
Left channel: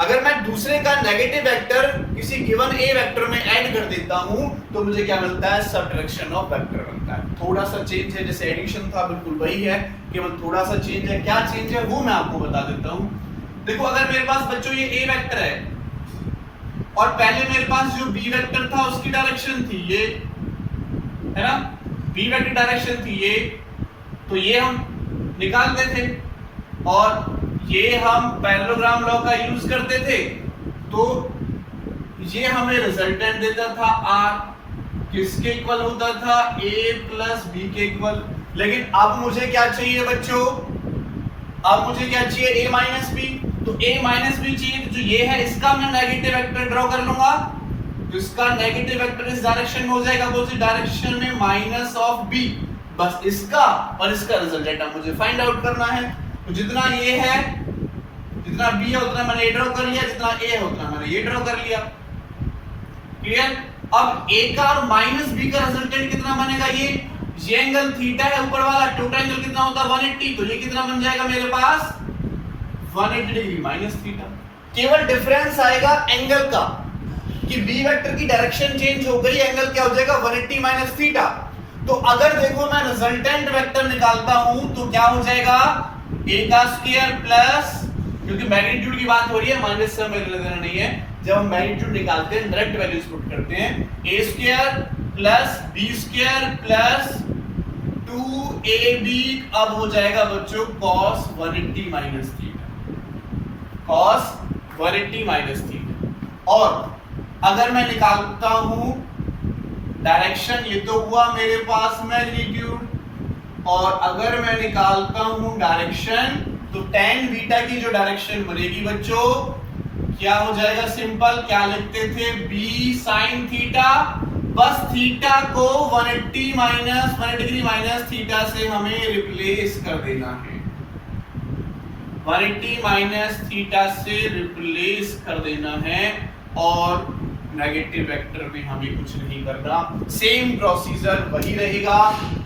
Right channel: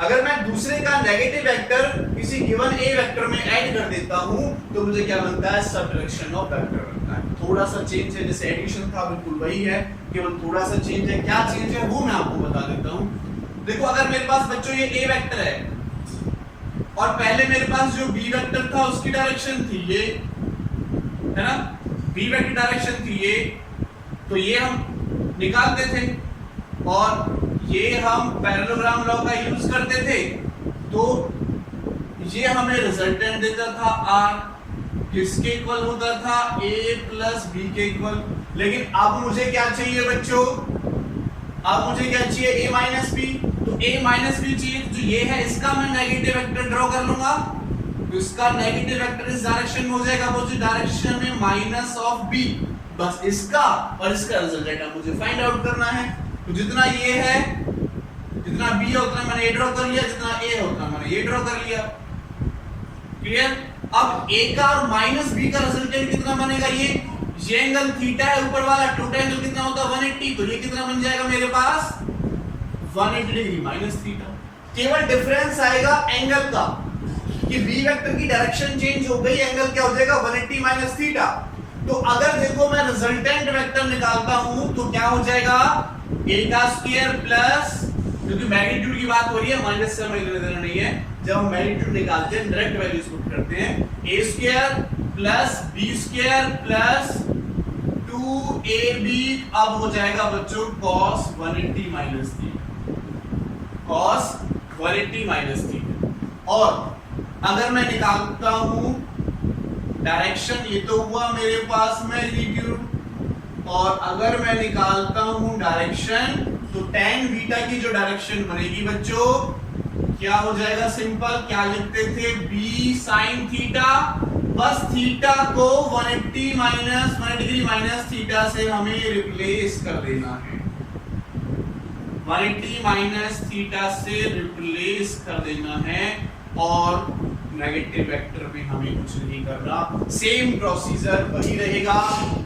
अगर मैं दूसरे का negative vector किसी given A vector में add कर देता हूं तो मुझे क्या मिलता है, सब्ट्रैक्शन ऑफ वेक्टर मिलता है। थोड़ा सा चेंज है, जैसे एडिशन था बिल्कुल वही है, केवल थोड़ा सा चेंज है। क्या चेंज है वो मैं आपको बता देता हूं। देखो, अगर मेरे पास बच्चों ये ए वेक्टर है और पहले मेरे पास जो बी वेक्टर था उसकी डायरेक्शन थी ये, है ना, बी वेक्टर डायरेक्शन थी ये, तो ये हम निकालते थे और ये हम पैरेललोग्राम लॉ का यूज करते थे, तो ये हमें रिजल्टेंट देता था r, किसके इक्वल होता था, a प्लस b के इक्वल। लेकिन अब मुझे क्या चाहिए बच्चों, अब मुझे क्या चाहिए, a माइनस बी, तो a माइनस बी चाहिए, तो जो ये है इसका मैं नेगेटिव वेक्टर ड्रॉ कर लूंगा, तो इसका नेगेटिव वेक्टर इस डायरेक्शन में हो जाएगा, वो डायरेक्शन में माइनस ऑफ b, बस इसका और इसका रिजल्टेंट अब मुझे फाइंड आउट करना है। तो जितना ये है, जितना b है उतना मैंने ये ड्रॉ कर लिया, जितना a है उतना मैंने ये ड्रॉ कर लिया। क्लियर? अब a का और माइनस b का रिजल्टेंट कितना बनेगा, ये एंगल थीटा है ऊपर वाला, टोटल एंगल कितना होता है 180, तो ये कितना बन जाएगा मेरे पास 180 डिग्री माइनस थीटा। केवल डिफरेंस आएगा एंगल का कि b वेक्टर की डायरेक्शन चेंज हो गई, एंगल क्या हो जाएगा 180 माइनस थीटा। तो अगर देखो मैं रिजल्टेंट वेक्टर निकालता हूं तो क्या हो जाएगा, a का स्क्वायर प्लस, क्योंकि मैग्नीट्यूड की बात हो रही है, माइनस से हमें लेना नहीं है, जब हम मैग्नीट्यूड निकालते हैं डायरेक्ट वैल्यूज पुट करते हैं, a square plus b square plus 2ab, अब हो जाएगा बच्चों cos 180 minus theta, cos 180 minus theta. और अगर मैं निकालता हूं डायरेक्शन, ये तो हुआ मेरे पास मैग्नीट्यूड, और अगर मैं निकालता हूं डायरेक्शन तो tan बीटा की जो डायरेक्शन बनेगी बच्चों क्या हो जाएगा, सिंपल क्या लिखते थे, b sin थीटा, बस थीटा को 180 डिग्री माइनस थीटा से हमें रिप्लेस कर देना है, 180 माइनस थीटा से रिप्लेस कर देना है, और नेगेटिव वेक्टर में हमें कुछ नहीं करना, सेम प्रोसीजर वही रहेगा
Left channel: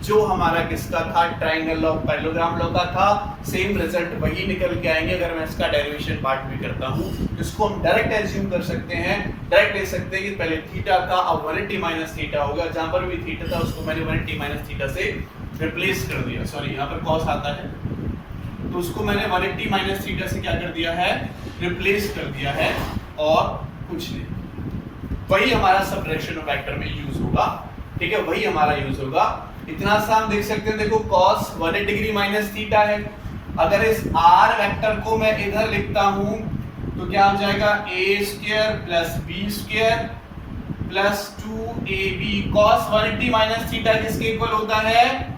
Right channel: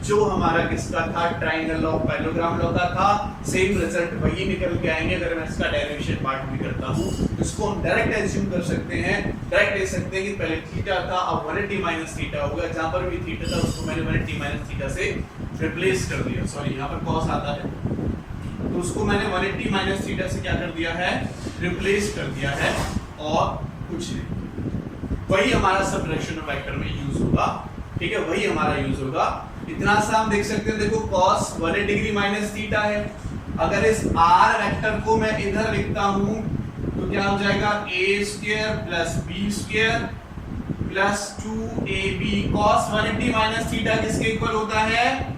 जो हमारा किसका था, ट्रायंगल लॉ, पैरेललोग्राम लॉ का था, सेम रिजल्ट वही निकल के आएंगे। अगर मैं इसका डेरिवेशन पार्ट भी करता हूं, इसको हम डायरेक्ट एज्यूम कर सकते हैं, डायरेक्ट ले सकते हैं कि पहले थीटा था, अब 180 माइनस थीटा होगा, जहां पर भी थीटा था उसको मैंने 180 माइनस थीटा से रिप्लेस कर दिया, सॉरी यहाँ पर cos आता है, तो उसको मैंने 180 माइनस थीटा से क्या कर दिया है, रिप्लेस कर दिया है, और कुछ नहीं, वही हमारा सब्ट्रैक्शन ऑफ वेक्टर में यूज होगा। ठीक है, वही हमारा यूज होगा। इतना सा हम देख सकते हैं, देखो cos 180 डिग्री माइनस थीटा है, अगर इस r वेक्टर को मैं इधर लिखता हूं तो क्या हो जाएगा, a square plus b square plus 2ab, cos 180 minus theta किसके इक्वल होता है,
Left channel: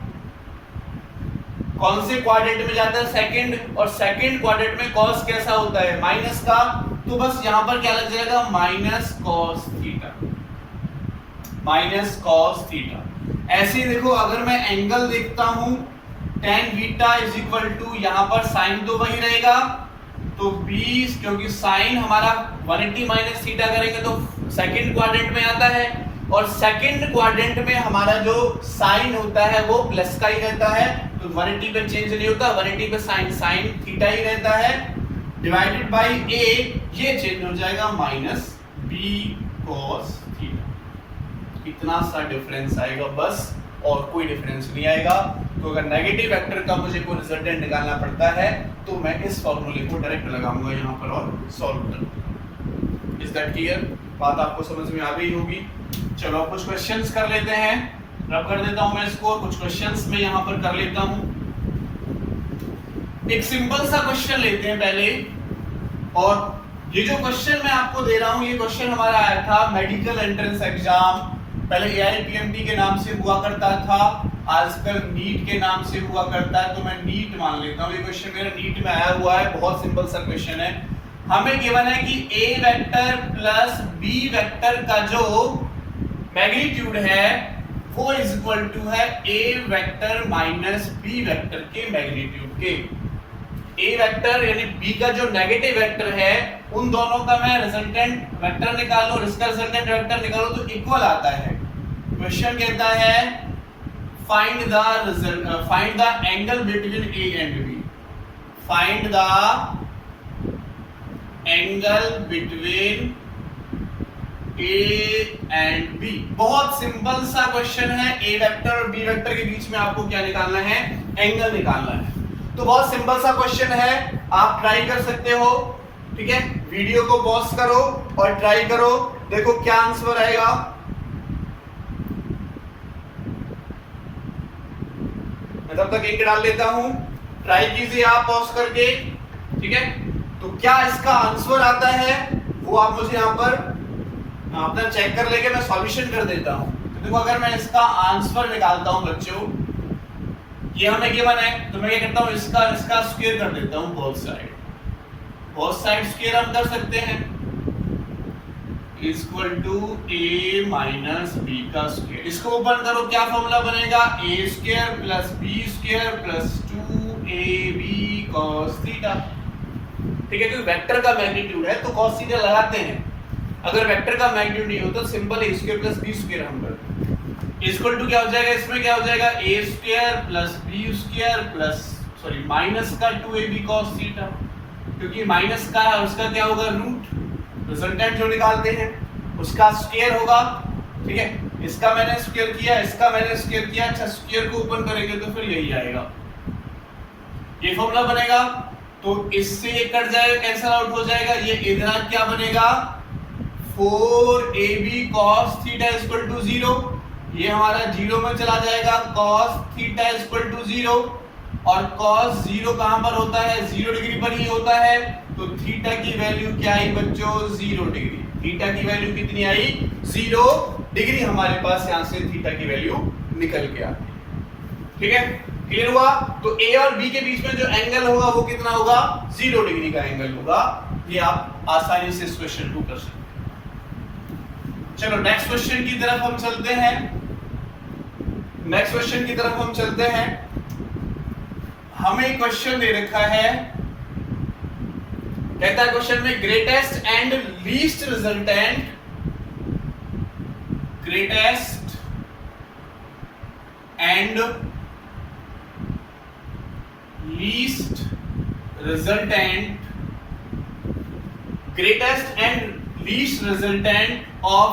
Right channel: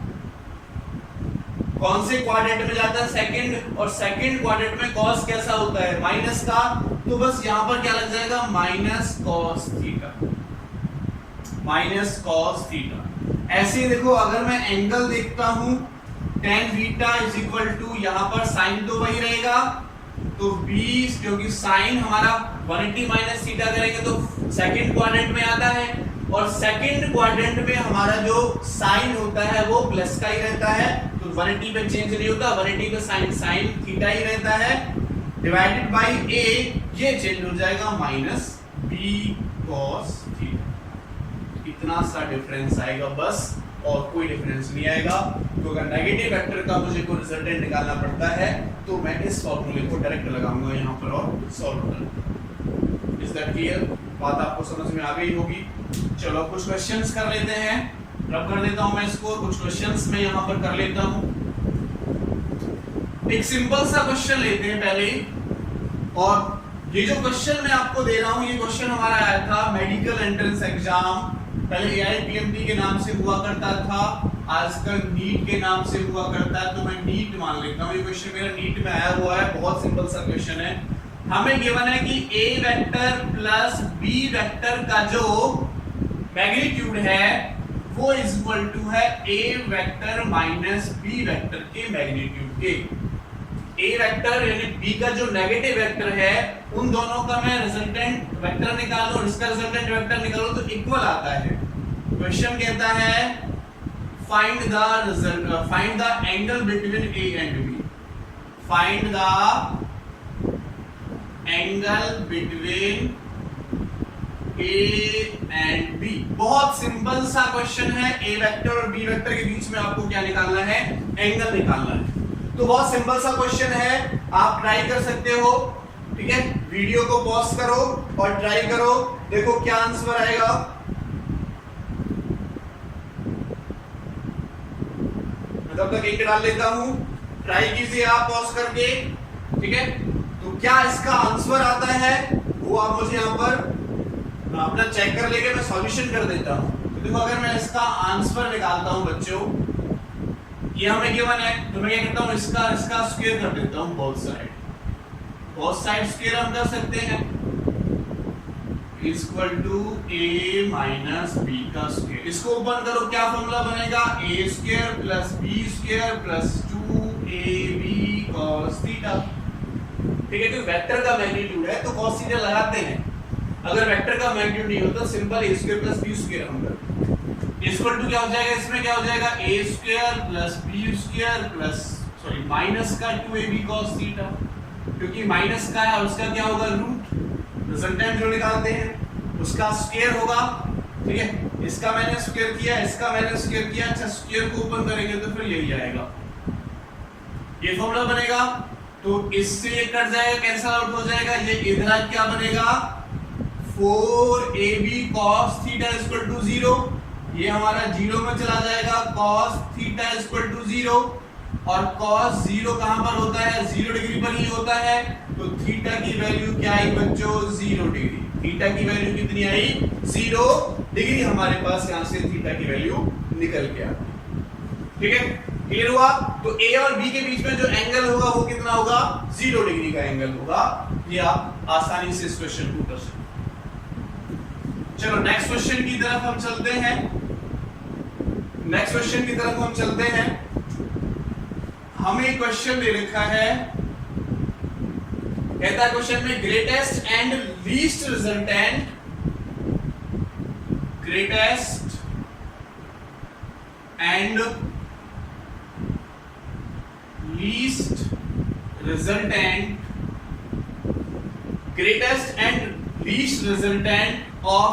कौन से क्वाड्रेंट में जाता है, सेकंड, और सेकंड क्वाड्रेंट में cos कैसा होता है, माइनस का, तो बस यहां पर क्या लग जाएगा, minus cos theta, minus cos theta. ऐसे ही देखो, अगर मैं एंगल देखता हूं tan beta is equal to, यहां पर साइन तो वही रहेगा, तो 20, क्योंकि साइन हमारा 180 माइनस थीटा करेंगे तो सेकंड क्वाड्रेंट में आता है, और सेकंड क्वाड्रेंट में हमारा जो साइन होता है वो प्लस का ही रहता है, तो 180 पे चेंज नहीं होता, 180 पे साइन थीटा ही रहता है, डिवाइडेड बाय a, ये चेंज हो जाएगा माइनस b cos थीटा। इतना सा डिफरेंस आएगा बस, और कोई डिफरेंस नहीं आएगा। तो अगर नेगेटिव वेक्टर का मुझे कोई रिजल्टेंट निकालना पड़ता है तो मैं इस फॉर्मूले को डायरेक्ट लगाऊंगा यहाँ पर और सॉल्व करूंगा। Is that clear? बात आपको समझ में आ गई होगी। चलो कुछ क्वेश्चंस कर लेते हैं, रब कर देता हूं मैं इसको, कुछ क्वेश्चंस मैं यहाँ पर कर लेता हूं। एक सिंपल सा क्वेश्चन लेते हैं पहले, और ये जो क्वेश्चन मैं आपको दे रहा हूं, ये क्वेश्चन हमारा आया था मेडिकल एंट्रेंस एग्जाम पहले AIPMT के नाम से हुआ करता था, आजकल नीट के नाम से हुआ करता है, तो मैं नीट मान लेता हूँ। ये क्वेश्चन मेरा नीट में आया हुआ है, बहुत सिंपल सा क्वेश्चन है। हमें गिवन है कि A vector plus B vector का जो मैग्नीट्यूड है वो इज इक्वल टू है A vector minus B vector के मैग्नीट्यूड के। A वेक्टर यानी B का जो नेगेटिव वेक्टर है उन दोनों का मैं रिजल्टेंट वेक्टर निकालो, इसका रिजल्टेंट वेक्टर निकालो तो इक्वल आता है। क्वेश्चन कहता है find the angle between A and B। Find the angle between A and B। बहुत सिंपल सा क्वेश्चन है। A वेक्टर और B वेक्टर के बीच में आपको क्या निकालना है? एंगल निकालना है। तो बहुत सिंपल सा क्वेश्चन है, आप ट्राई कर सकते हो। ठीक है, वीडियो को पॉज करो और ट्राई करो, देखो क्या आंसर आएगा। मैं तब तक इंक डाल लेता हूं, ट्राई कीजिए आप पॉज करके। ठीक है, तो क्या इसका आंसर आता है वो आप मुझे यहां पर अपना चेक कर लेके मैं सॉल्यूशन कर देता हूं। तो देखो, अगर मैं इसका आंसर निकालता हूं बच्चों, ये हमें गिवन है, तो मैं क्या करता हूं, इसका स्क्वायर कर देता हूं। बोथ साइड स्क्वायर हम कर सकते हैं, equal to A minus B का स्क्वायर। इसको ओपन करो, क्या फॉर्मूला बनेगा? A square plus B square plus 2AB cos theta. ठीक है, क्योंकि वेक्टर का मैग्नीट्यूड है तो cos थीटा लगाते हैं। अगर वेक्टर का मैग्नीट्यूड नहीं होता, simple A square plus B square हम करते हैं। इक्वल टू क्या हो जाएगा? इसमें क्या हो जाएगा? A square plus B square plus minus का 2AB cos थीटा, क्योंकि माइनस का है उसका क्या होगा? रूट। रिजल्टेंट जो निकालते हैं उसका स्क्वायर होगा। ठीक है, इसका मैंने स्क्वायर किया, इसका मैंने स्क्वायर किया। अच्छा, स्क्वायर को ओपन करेंगे तो फिर यही आएगा, ये फॉर्मूला बनेगा। तो इससे ये कट जाएगा, कैंसिल आउट हो जाएगा। ये इधर क्या बनेगा? 4AB cos theta equal to 0। ये हमारा 0 में चला जाएगा। cos थीटा इक्वल टू 0, और cos 0 कहां पर होता है? 0 डिग्री पर ही होता है। तो थीटा की वैल्यू क्या आई बच्चों? 0 डिग्री। थीटा की वैल्यू कितनी आई? 0 डिग्री। हमारे पास यहां से थीटा की वैल्यू निकल गया। ठीक है, क्लियर हुआ? तो A और B के बीच में जो एंगल होगा वो कितना होगा? 0 डिग्री का एंगल होगा। ये आप आसानी से इस क्वेश्चन को कर सकते हैं। चलो नेक्स्ट क्वेश्चन की तरफ हम चलते हैं। हमें क्वेश्चन दे रखा है, कहता है क्वेश्चन में greatest and least resultant, greatest and least resultant, greatest and least resultant of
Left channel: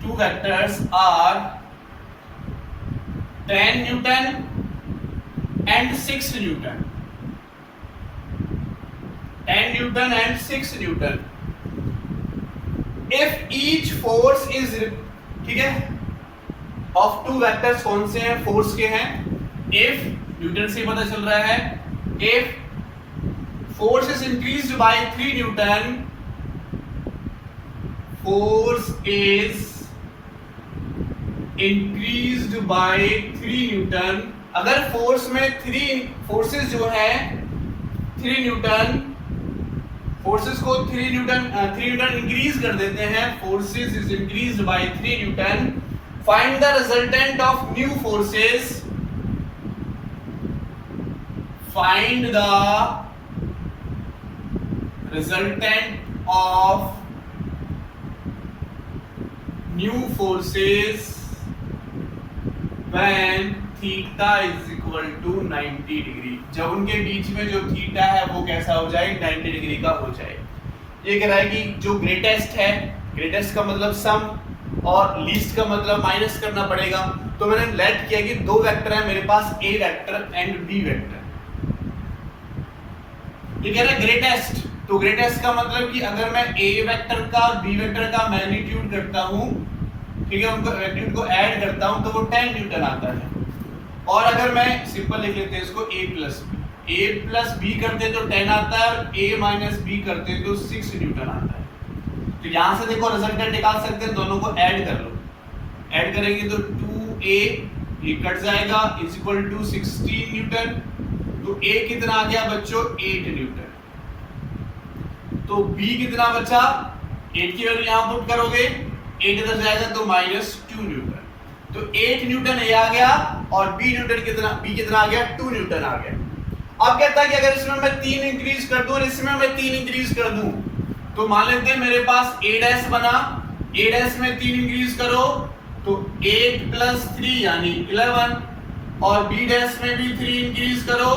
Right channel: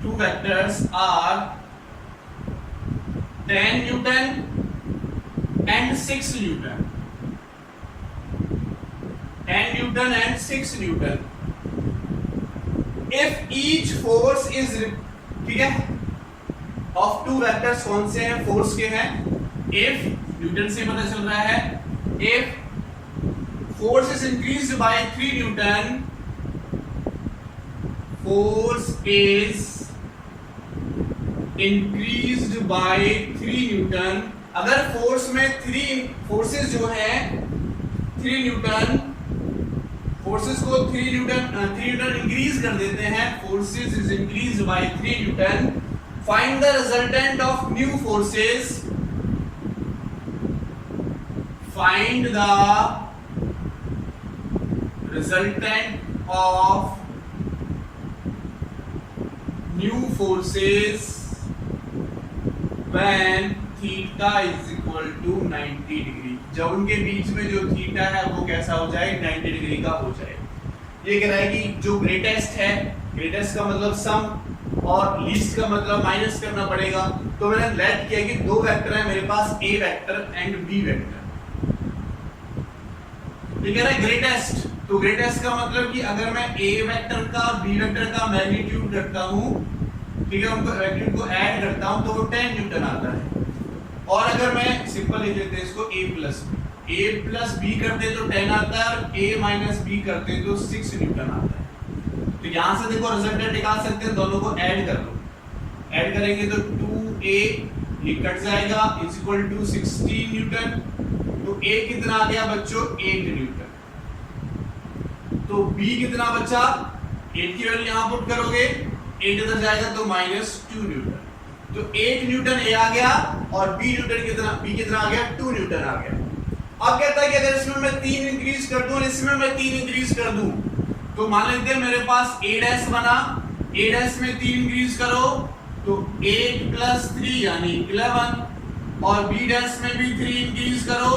two vectors are 10 Newton and 6 Newton. 10 Newton and 6 Newton. If each force is, ठीक है, of two vectors कौन से हैं? फोर्स के हैं। If Newton से पता चल रहा है, if force is increased by 3 Newton, force is increased by 3 Newton। अगर फोर्स में 3 फोर्सेस जो हैं 3 न्यूटन, फोर्सेस को 3 न्यूटन इंक्रीज कर देते हैं। Forces is increased by 3 newton. Find the resultant of new forces. Find the resultant of new forces when theta is equal to 90 degree. जब उनके बीच में जो थीटा है वो कैसा हो जाए? 90 डिग्री का हो जाए। ये कह रहा है कि जो ग्रेटेस्ट है, ग्रेटेस्ट का मतलब सम और लीस्ट का मतलब माइनस करना पड़ेगा। तो मैंने लेट किया कि दो वेक्टर है मेरे पास, A vector and B vector. ये कह रहा है ग्रेटेस्ट, तो ग्रेटेस्ट का मतलब कि अगर मैं A वेक्टर का और B वेक्टर का मैग्नीट्यूड करता हूं, ठीक है, उनको मैग्नीट्यूड को ऐड करता हूं तो वो 10 न्यूटन आता है। और अगर मैं सिंपल लिख लेते हैं इसको A plus B, a plus B करते तो 10 आता है और a माइनस बी करते तो 6 न्यूटन आता है। तो यहां से देखो रिजल्टेंट निकाल सकते हैं, दोनों को ऐड कर लो, ऐड करेंगे तो 2a ये कट जाएगा इज इक्वल टू 16 न्यूटन। तो a कितना आ गया बच्चों 8 न्यूटन। तो b कितना बचा, 8 की वैल्यू यहां पुट करोगे, 8 इधर जाएगा तो -2 न्यूटन। तो 8 न्यूटन a आ गया और b कितना आ गया 2 न्यूटन आ गया। अब कहता है कि अगर इसमें मैं 3 इंक्रीज कर दूं और इसमें मैं 3 इंक्रीज कर दूं, तो मान लेते हैं मेरे पास a डैश बना, a डैश में 3 इंक्रीज करो तो 8 + 3 यानी 11, और b डैश में भी 3 इंक्रीज करो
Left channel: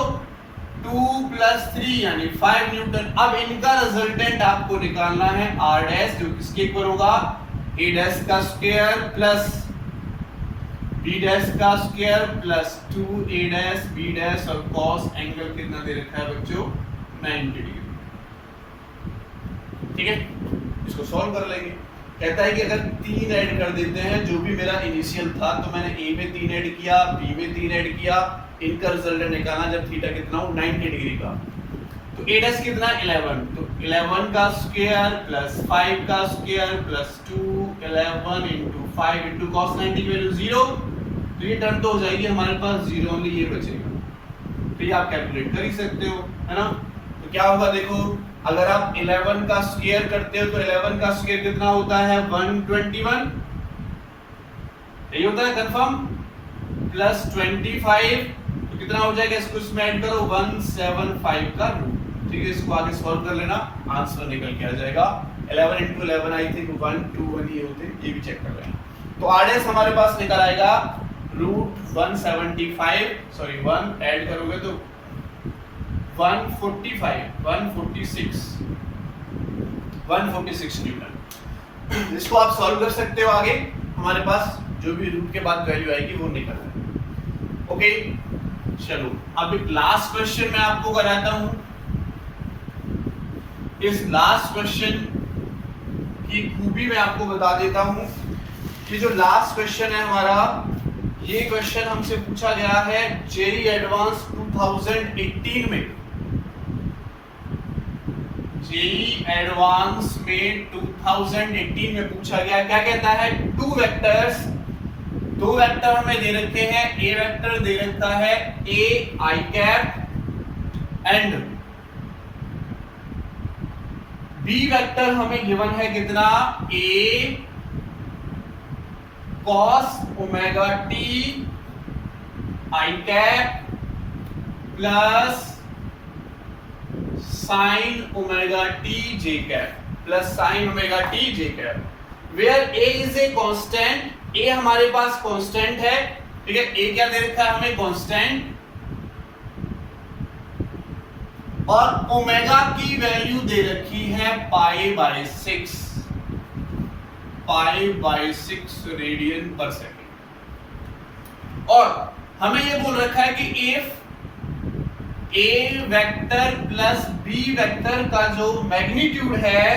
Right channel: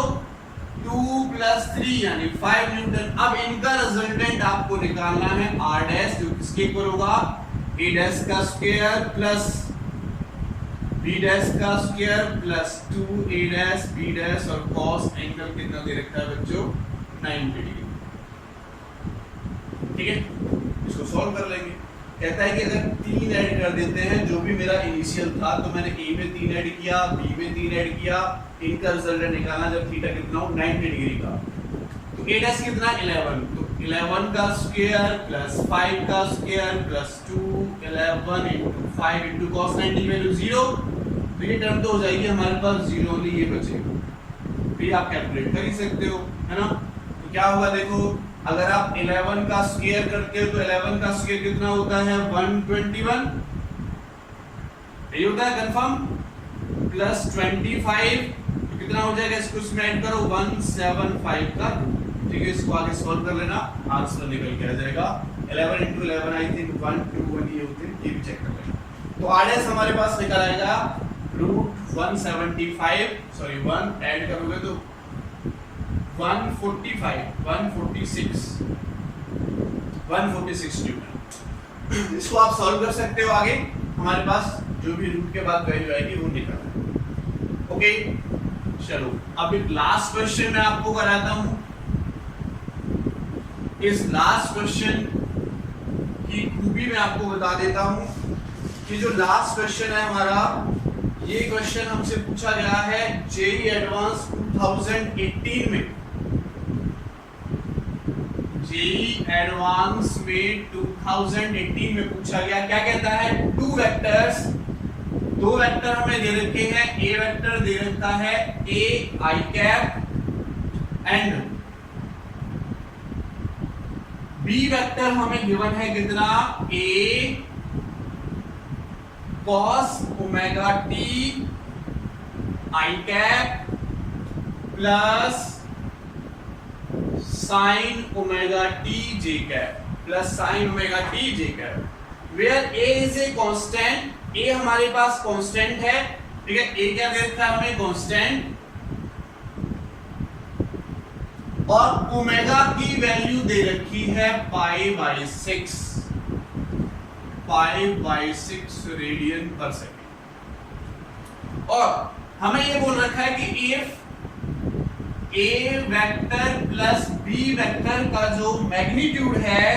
2 + 3 यानी 5 न्यूटन। अब इनका रिजल्टेंट आपको निकालना है r डैश, जो किसके ऊपर होगा, a डैश का स्क्वायर प्लस b डैश का square plus 2a dash b dash, और cos एंगल कितना दे रखा है बच्चों 90 डिग्री। ठीक है, इसको सॉल्व कर लेंगे। कहता है कि अगर 3 ऐड कर देते हैं, जो भी मेरा इनिशियल था, तो मैंने a में 3 ऐड किया, b में 3 ऐड किया, इनका रिजल्टेंट निकालना जब थीटा कितना हो 90 डिग्री का। तो a डैश कितना 11, तो 11 का स्क्वायर प्लस 5 का स्क्वायर प्लस 2 11 * 5 * cos 90 की वैल्यू 0, तो ये टर्म तो हो जाएगी हमारे पास 0, ओनली ये बचेगा। तो ये आप कैलकुलेट कर ही सकते हो, है ना। तो क्या होगा देखो, अगर आप 11 का स्क्वायर करते हो तो 11 का स्क्वायर कितना होता है 121, यही होता है कंफर्म, प्लस 25 तो कितना हो जाएगा, इसको इसमें ऐड करो 175 का रूट। ठीक है, इसको आगे सॉल्व कर लेना, आंसर निकल के आ जाएगा 11 * 11 आई थिंक 121 ये होते हैं, ये भी चेक कर लेना। तो आरएस हमारे पास निकल आएगा √175, सॉरी 1 ऐड करोगे तो 146 न्यूटन। इसको आप सॉल्व कर सकते हो, आगे हमारे पास जो भी रूट के बाद वैल्यू आएगी वो निकल जाएगी। ओके, चलो अब एक लास्ट क्वेश्चन मैं आपको कराता हूं। इस लास्ट क्वेश्चन की खूबी मैं आपको बता देता हूं कि जो लास्ट क्वेश्चन है हमारा, ये क्वेश्चन हमसे पूछा गया है जेईई एडवांस 2018 में। जेईई एडवांस में 2018 में पूछा गया। क्या कहता है, दो वेक्टर हमें दे रखे हैं, ए वेक्टर दे रखा है a I cap and B vector हमें गिवन है कितना, a cos ωt I cap plus sin ωt j cap plus sin ωt j cap, where a is a constant, a हमारे पास कांस्टेंट है। ठीक है, a क्या दे रखा है हमें, कांस्टेंट, और ओमेगा की वैल्यू दे रखी है π/6 रेडियन पर सेकेंड। और हमें ये बोल रखा है कि if a vector plus b vector का जो मैग्नीट्यूड है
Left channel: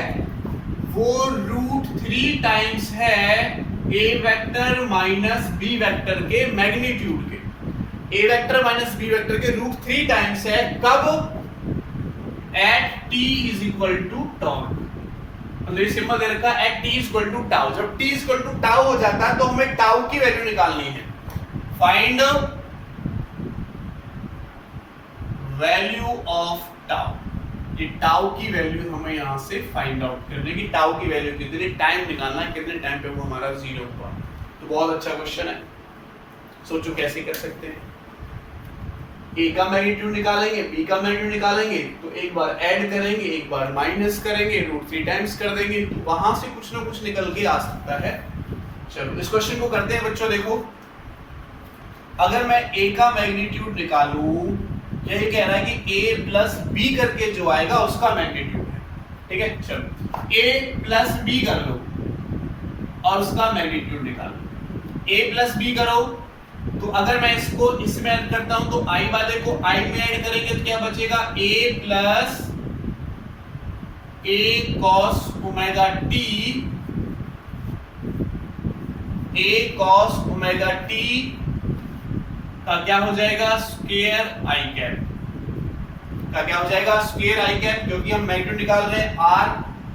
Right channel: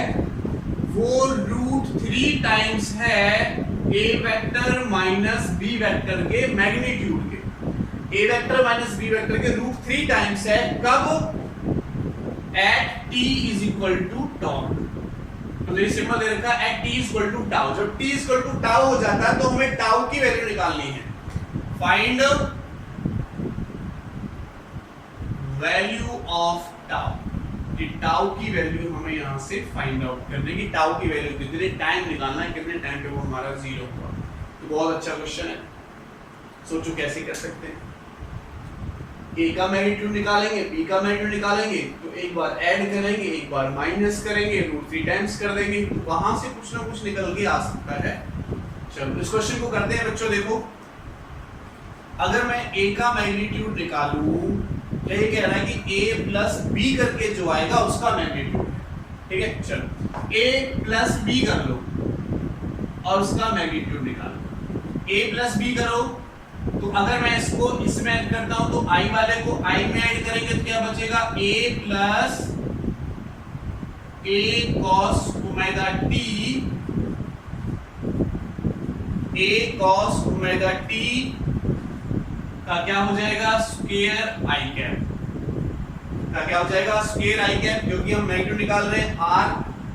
वो √3 टाइम्स है a vector minus b vector के मैग्नीट्यूड के। a vector minus b vector के √3 टाइम्स है, कब, एट t = tau। मतलब ये सिंपल दे रखा है एट t = tau। जब t = tau हो जाता है तो हमें tau की वैल्यू निकालनी है। फाइंड वैल्यू ऑफ tau, ये tau की वैल्यू हमें यहां से फाइंड आउट करनी है कि tau की वैल्यू कितनी टाइम निकालना है, कितने टाइम पे वो हमारा 0 हुआ। तो बहुत अच्छा क्वेश्चन है, सोचो कैसे कर सकते हैं। a का मैग्नीट्यूड निकालेंगे, b का मैग्नीट्यूड निकालेंगे, तो एक बार ऐड करेंगे, एक बार माइनस करेंगे, √3 टाइम्स कर देंगे, तो वहां से कुछ ना कुछ निकल के आ सकता है। चलो इस क्वेश्चन को करते हैं बच्चों। देखो, अगर मैं a का मैग्नीट्यूड निकालूं, यही कह रहा है कि a प्लस b करके जो आएगा उसका मैग्नीट्यूड है। ठीक है, चलो a प्लस b कर लो और उसका मैग्नीट्यूड निकालो। a प्लस b करो, तो अगर मैं इसको इसमें ऐड करता हूं तो i वाले को i में ऐड करेंगे तो क्या बचेगा, a plus a cos ωt, a cos ωt का क्या हो जाएगा, स्क्वायर i कैप का क्या हो जाएगा स्क्वायर आई कैप, क्योंकि हम मैग्नीट्यूड निकाल रहे हैं r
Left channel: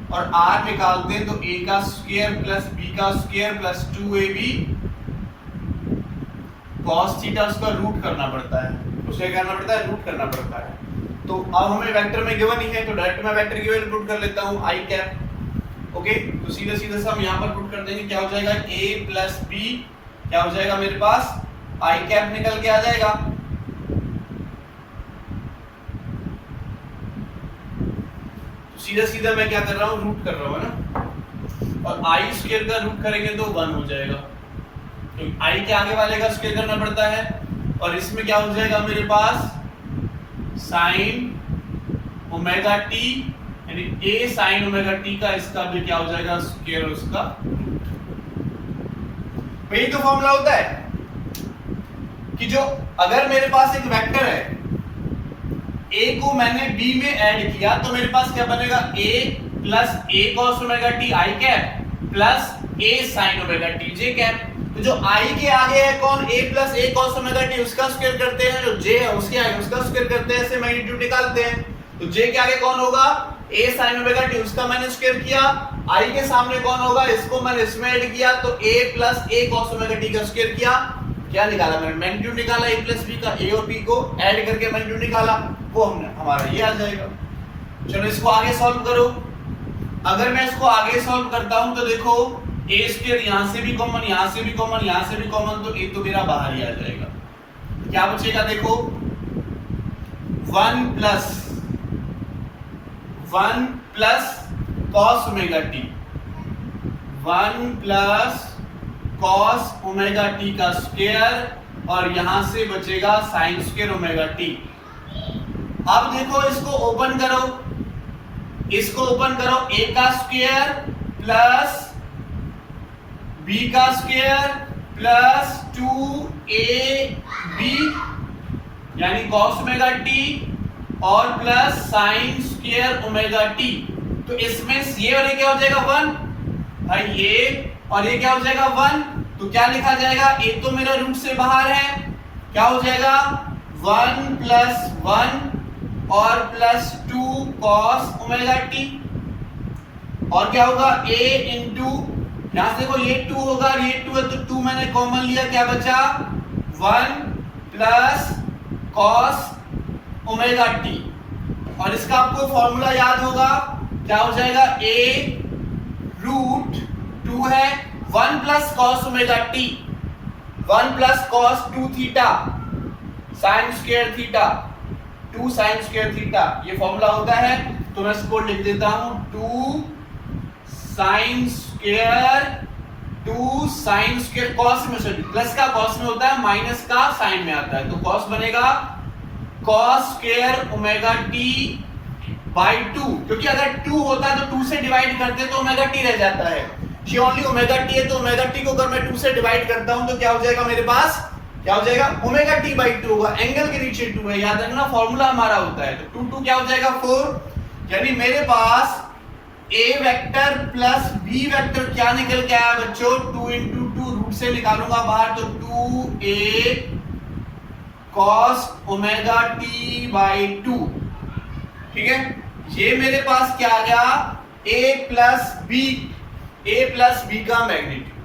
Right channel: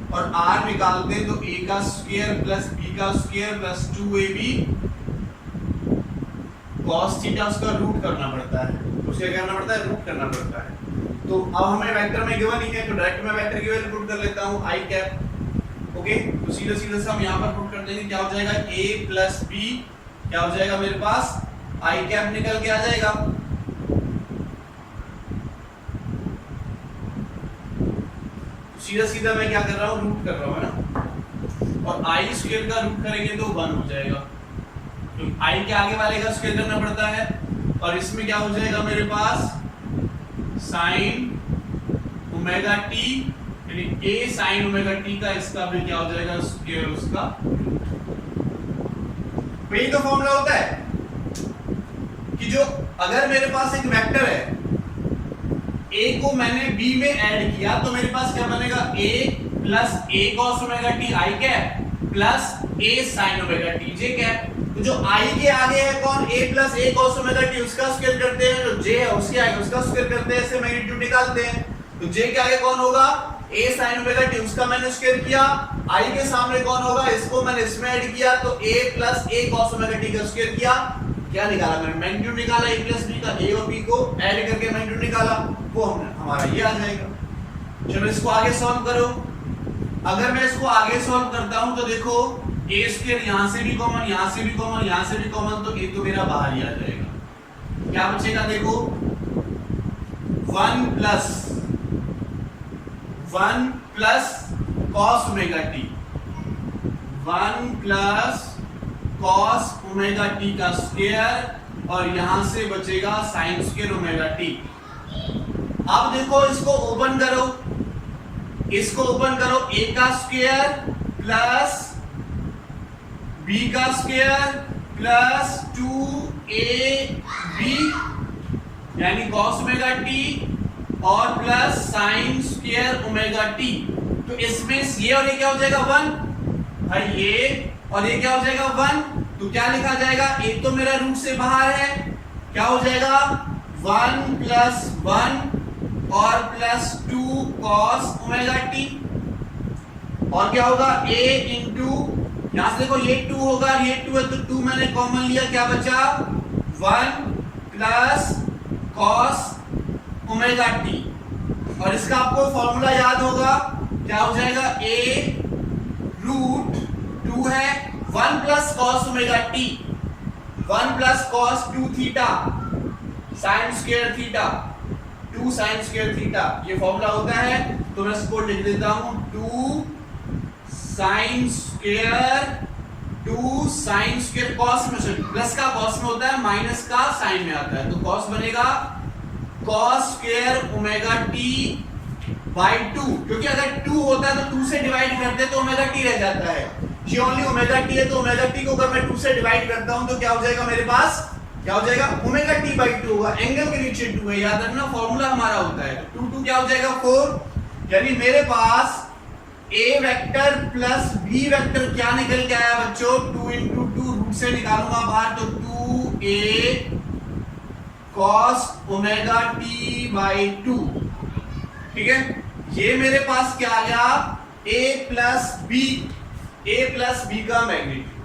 और r निकालते हैं तो a का स्क्वायर प्लस b का square plus 2ab cos theta उसका रूट करना पड़ता है, उसे क्या करना पड़ता है रूट करना पड़ता है। तो अब हमें वेक्टर में गिवन ही है तो डायरेक्ट मैं वेक्टर की वैल्यू पुट कर लेता हूं आई कैप। ओके, तो सीधे सीधे से हम यहां पर पुट कर देंगे, क्या हो जाएगा a प्लस b, क्या हो जाएगा मेरे पास आई कैप निकल के आ जाएगा। सीधा सीधा मैं क्या कर रहा हूँ रूट कर रहा हूँ ना, और आई स्क्वायर का रूट करेंगे तो 1 हो जाएगा, तो आई के आगे वाले का स्क्वायर करना पड़ता है, और इसमें क्या हो जाएगा मेरे पास साइन ओमेगा टी, यानी a साइन ओमेगा टी का इसका भी क्या हो जाएगा स्क्वायर उसका। यही तो फॉर्मूला होता है कि जो अगर मेरे पास एक वेक्टर है a को मैंने b में ऐड किया तो मेरे पास क्या बनेगा a plus a cos omega t i cap plus a sin omega t j cap. तो जो i के आगे है कौन a plus a cos omega t उसका स्क्वायर करते हैं, जो j है उसके आगे उसका स्क्वायर करते हैं, ऐसे मैग्नीट्यूड निकालते हैं। तो j के आगे कौन होगा a sin ओमेगा t, उसका मैंने स्क्वायर किया, i के सामने कौन होगा इसको मैंने इसमें ऐड किया तो a plus a cos omega t का स्क्वायर किया, क्या निकाला मैंने मैग्नीट्यूड निकाला a प्लस b का, a और b को ऐड करके मैग्नीट्यूड निकाला, वो हमने हमारा ये आ जाएगा। चलो इसको आगे सॉल्व करो। अगर मैं इसको आगे सॉल्व करता हूं तो देखो a स्क्वायर यहां से भी कॉमन, यहां से भी कॉमन, यहां से भी कॉमन, तो a तो मेरा बाहर ही आ जाएगा। क्या बचेगा देखो 1 plus cos omega t, 1 plus cos omega t का स्क्वायर, और यहां से बचेगा sin स्क्वायर ओमेगा t। अब देखो इसको ओपन करो, इसको ओपन करो, a का स्क्वायर प्लस b का स्क्वायर प्लस 2ab यानी cos ओमेगा t और plus sin square omega t। तो इसमें ये और ये क्या हो जाएगा 1 भाई, ये और ये क्या हो जाएगा 1, तो क्या लिखा जाएगा एक तो मेरा रूट से बाहर है, क्या हो जाएगा 1 प्लस 1 और प्लस 2 cos ओमेगा t, और क्या होगा a इंटू यहां से देखो ये 2 होगा और ये 2 है तो 2 मैंने कॉमन लिया, क्या बचा 1 प्लस cos ओमेगा t, और इसका आपको फॉर्मूला याद होगा, क्या हो जाएगा a रूट 2 है 1 plus cos omega t, 1 plus cos 2 theta sin square theta 2 sin square theta, ये फॉर्मूला होता है। तो मैं इसको लिख देता हूं 2 sin स्क्वायर cos में, सॉरी प्लस का cos में होता है, माइनस का sin में आता है, तो cos बनेगा cos square omega t by 2, क्योंकि अगर 2 होता है तो 2 से डिवाइड करते हैं तो ओमेगा t रह जाता है, ये ओनली ओमेगा t है, तो ओमेगा t को अगर मैं 2 से डिवाइड करता हूं तो क्या हो जाएगा मेरे पास, क्या हो जाएगा ओमेगा t बाई 2 होगा, एंगल के नीचे 2 है, याद रखना फॉर्मूला हमारा होता है। तो 2 क्या हो जाएगा 4, यानी मेरे पास a vector plus b vector क्या निकल के आया बच्चों 2 इंटू 2, रूट से निकालूंगा बाहर तो 2a cos omega t by 2, ठीक है। ये मेरे पास क्या आ गया a प्लस b का मैग्नीट्यूड।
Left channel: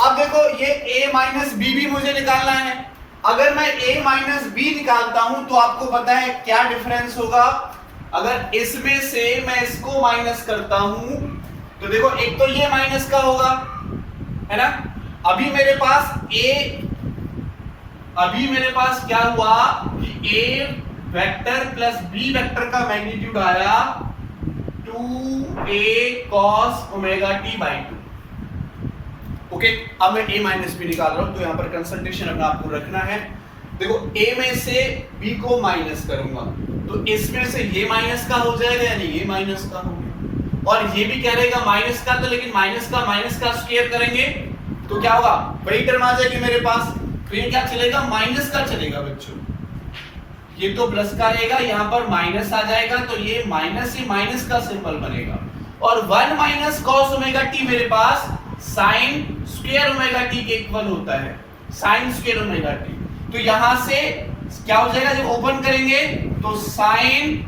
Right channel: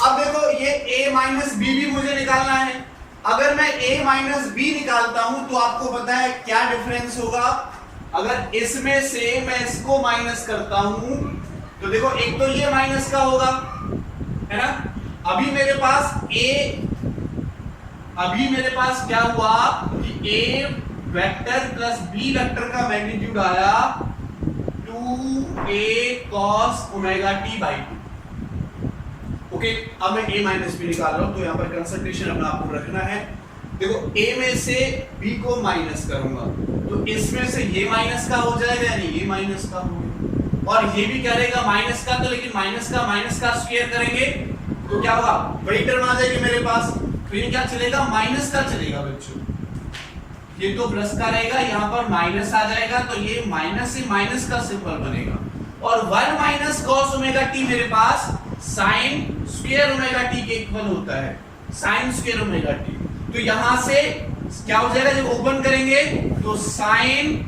अब देखो ये a माइनस b भी मुझे निकालना है, अगर मैं a माइनस b निकालता हूं तो आपको पता है क्या डिफरेंस होगा, अगर इसमें से मैं इसको माइनस करता हूं तो देखो एक तो ये माइनस का होगा, है ना। अभी मेरे पास क्या हुआ कि a vector plus b vector का मैग्नीट्यूड आया 2a cos omega t by 2। Okay, अब मैं a माइनस b निकाल रहा हूं तो यहां पर कंसंट्रेशन अपना आपको रखना है। देखो a में से b को माइनस करूंगा तो इसमें से ये माइनस का हो जाएगा, यानी ये माइनस का हो गया, और ये भी क्या रहेगा माइनस का, तो लेकिन माइनस का स्क्वायर करेंगे तो क्या होगा बड़ी टर्म आ जाएगी मेरे पास, तो ये क्या चलेगा माइनस का चलेगा बच्चों, ये तो प्लस का रहेगा, यहाँ पर माइनस आ जाएगा तो ये माइनस से माइनस का सिंबल बनेगा, और 1 माइनस cos ओमेगा t मेरे पास sin स्क्वायर ओमेगा t के इक्वल होता है, sin स्क्वायर ओमेगा t। तो यहां से क्या हो जाएगा जब ओपन करेंगे तो sine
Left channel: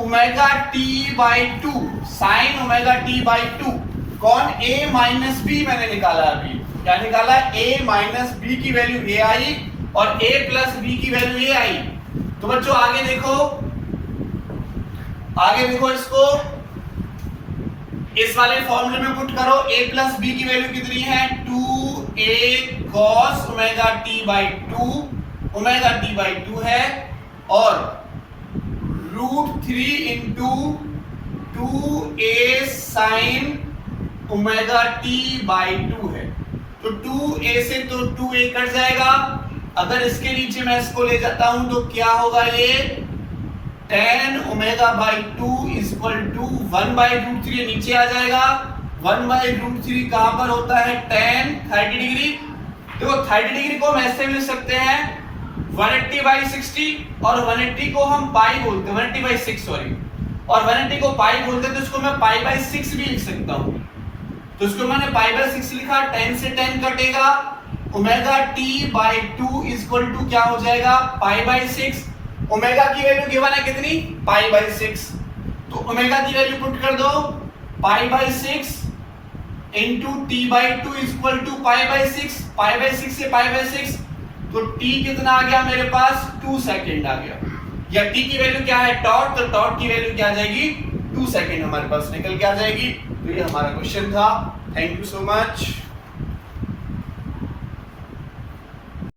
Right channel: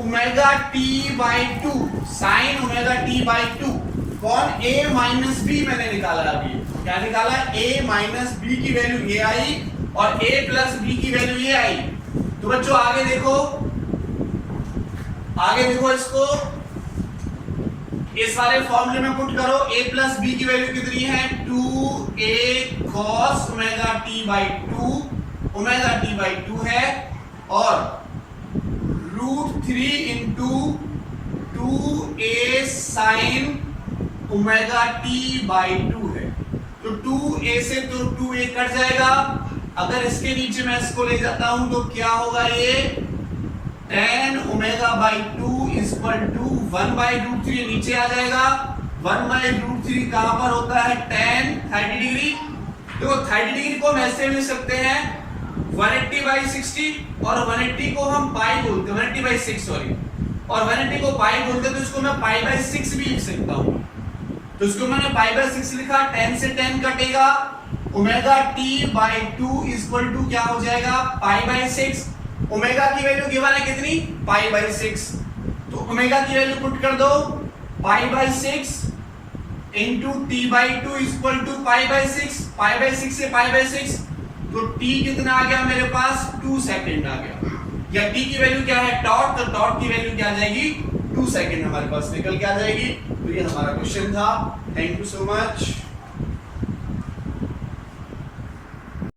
omega T by to, sine omega T by to. कौन? a माइनस बी मैंने निकाला अभी। क्या निकाला? a माइनस बी की वैल्यू ये आई और a प्लस बी की वैल्यू ये आई। तो बच्चों आगे देखो, आगे देखो इसको इस वाले फॉर्मूले में पुट करो। a प्लस बी की वैल्यू कितनी है? 2a cos omega T by to, omega T by to है, और √3 into 2a sine omega T by to है। तो 2a से तो 2a कट जाएगा। अगर इसके नीचे मैं इसको ले जाता हूं तो क्या होगा? ये tan omega by two equal to 1/√3 नीचे आ जाएगा। 1/√3 कहां पर होता है? tan 30 degree. तो 30 डिग्री को हम ऐसे लिख सकते हैं 180/60, और 180 को हम पाई बोलते हैं, 180/6 सॉरी, और 180 को पाई बोलते हैं, तो इसको मैं π/6 भी लिख सकता हूं। तो इसको मैंने π/6 लिखा, 10 से 10 कटेगा, omega T by two equal to क्या हो जाएगा? π/6। ओमेगा की वैल्यू गिवन है कितनी? π/6। तो ओमेगा की वैल्यू पुट कर दो, π/6 into T by two equal to π/6, π/6 से π/6, तो t कितना आ गया मेरे पास? 2 सेकंड आ गया। या t की वैल्यू क्या है? टॉट, तो टॉट की वैल्यू क्या आ जाएगी? 2 सेकंड हमारे पास निकल के आ जाएगी। तो ये हमारा क्वेश्चन था। Thank you so much.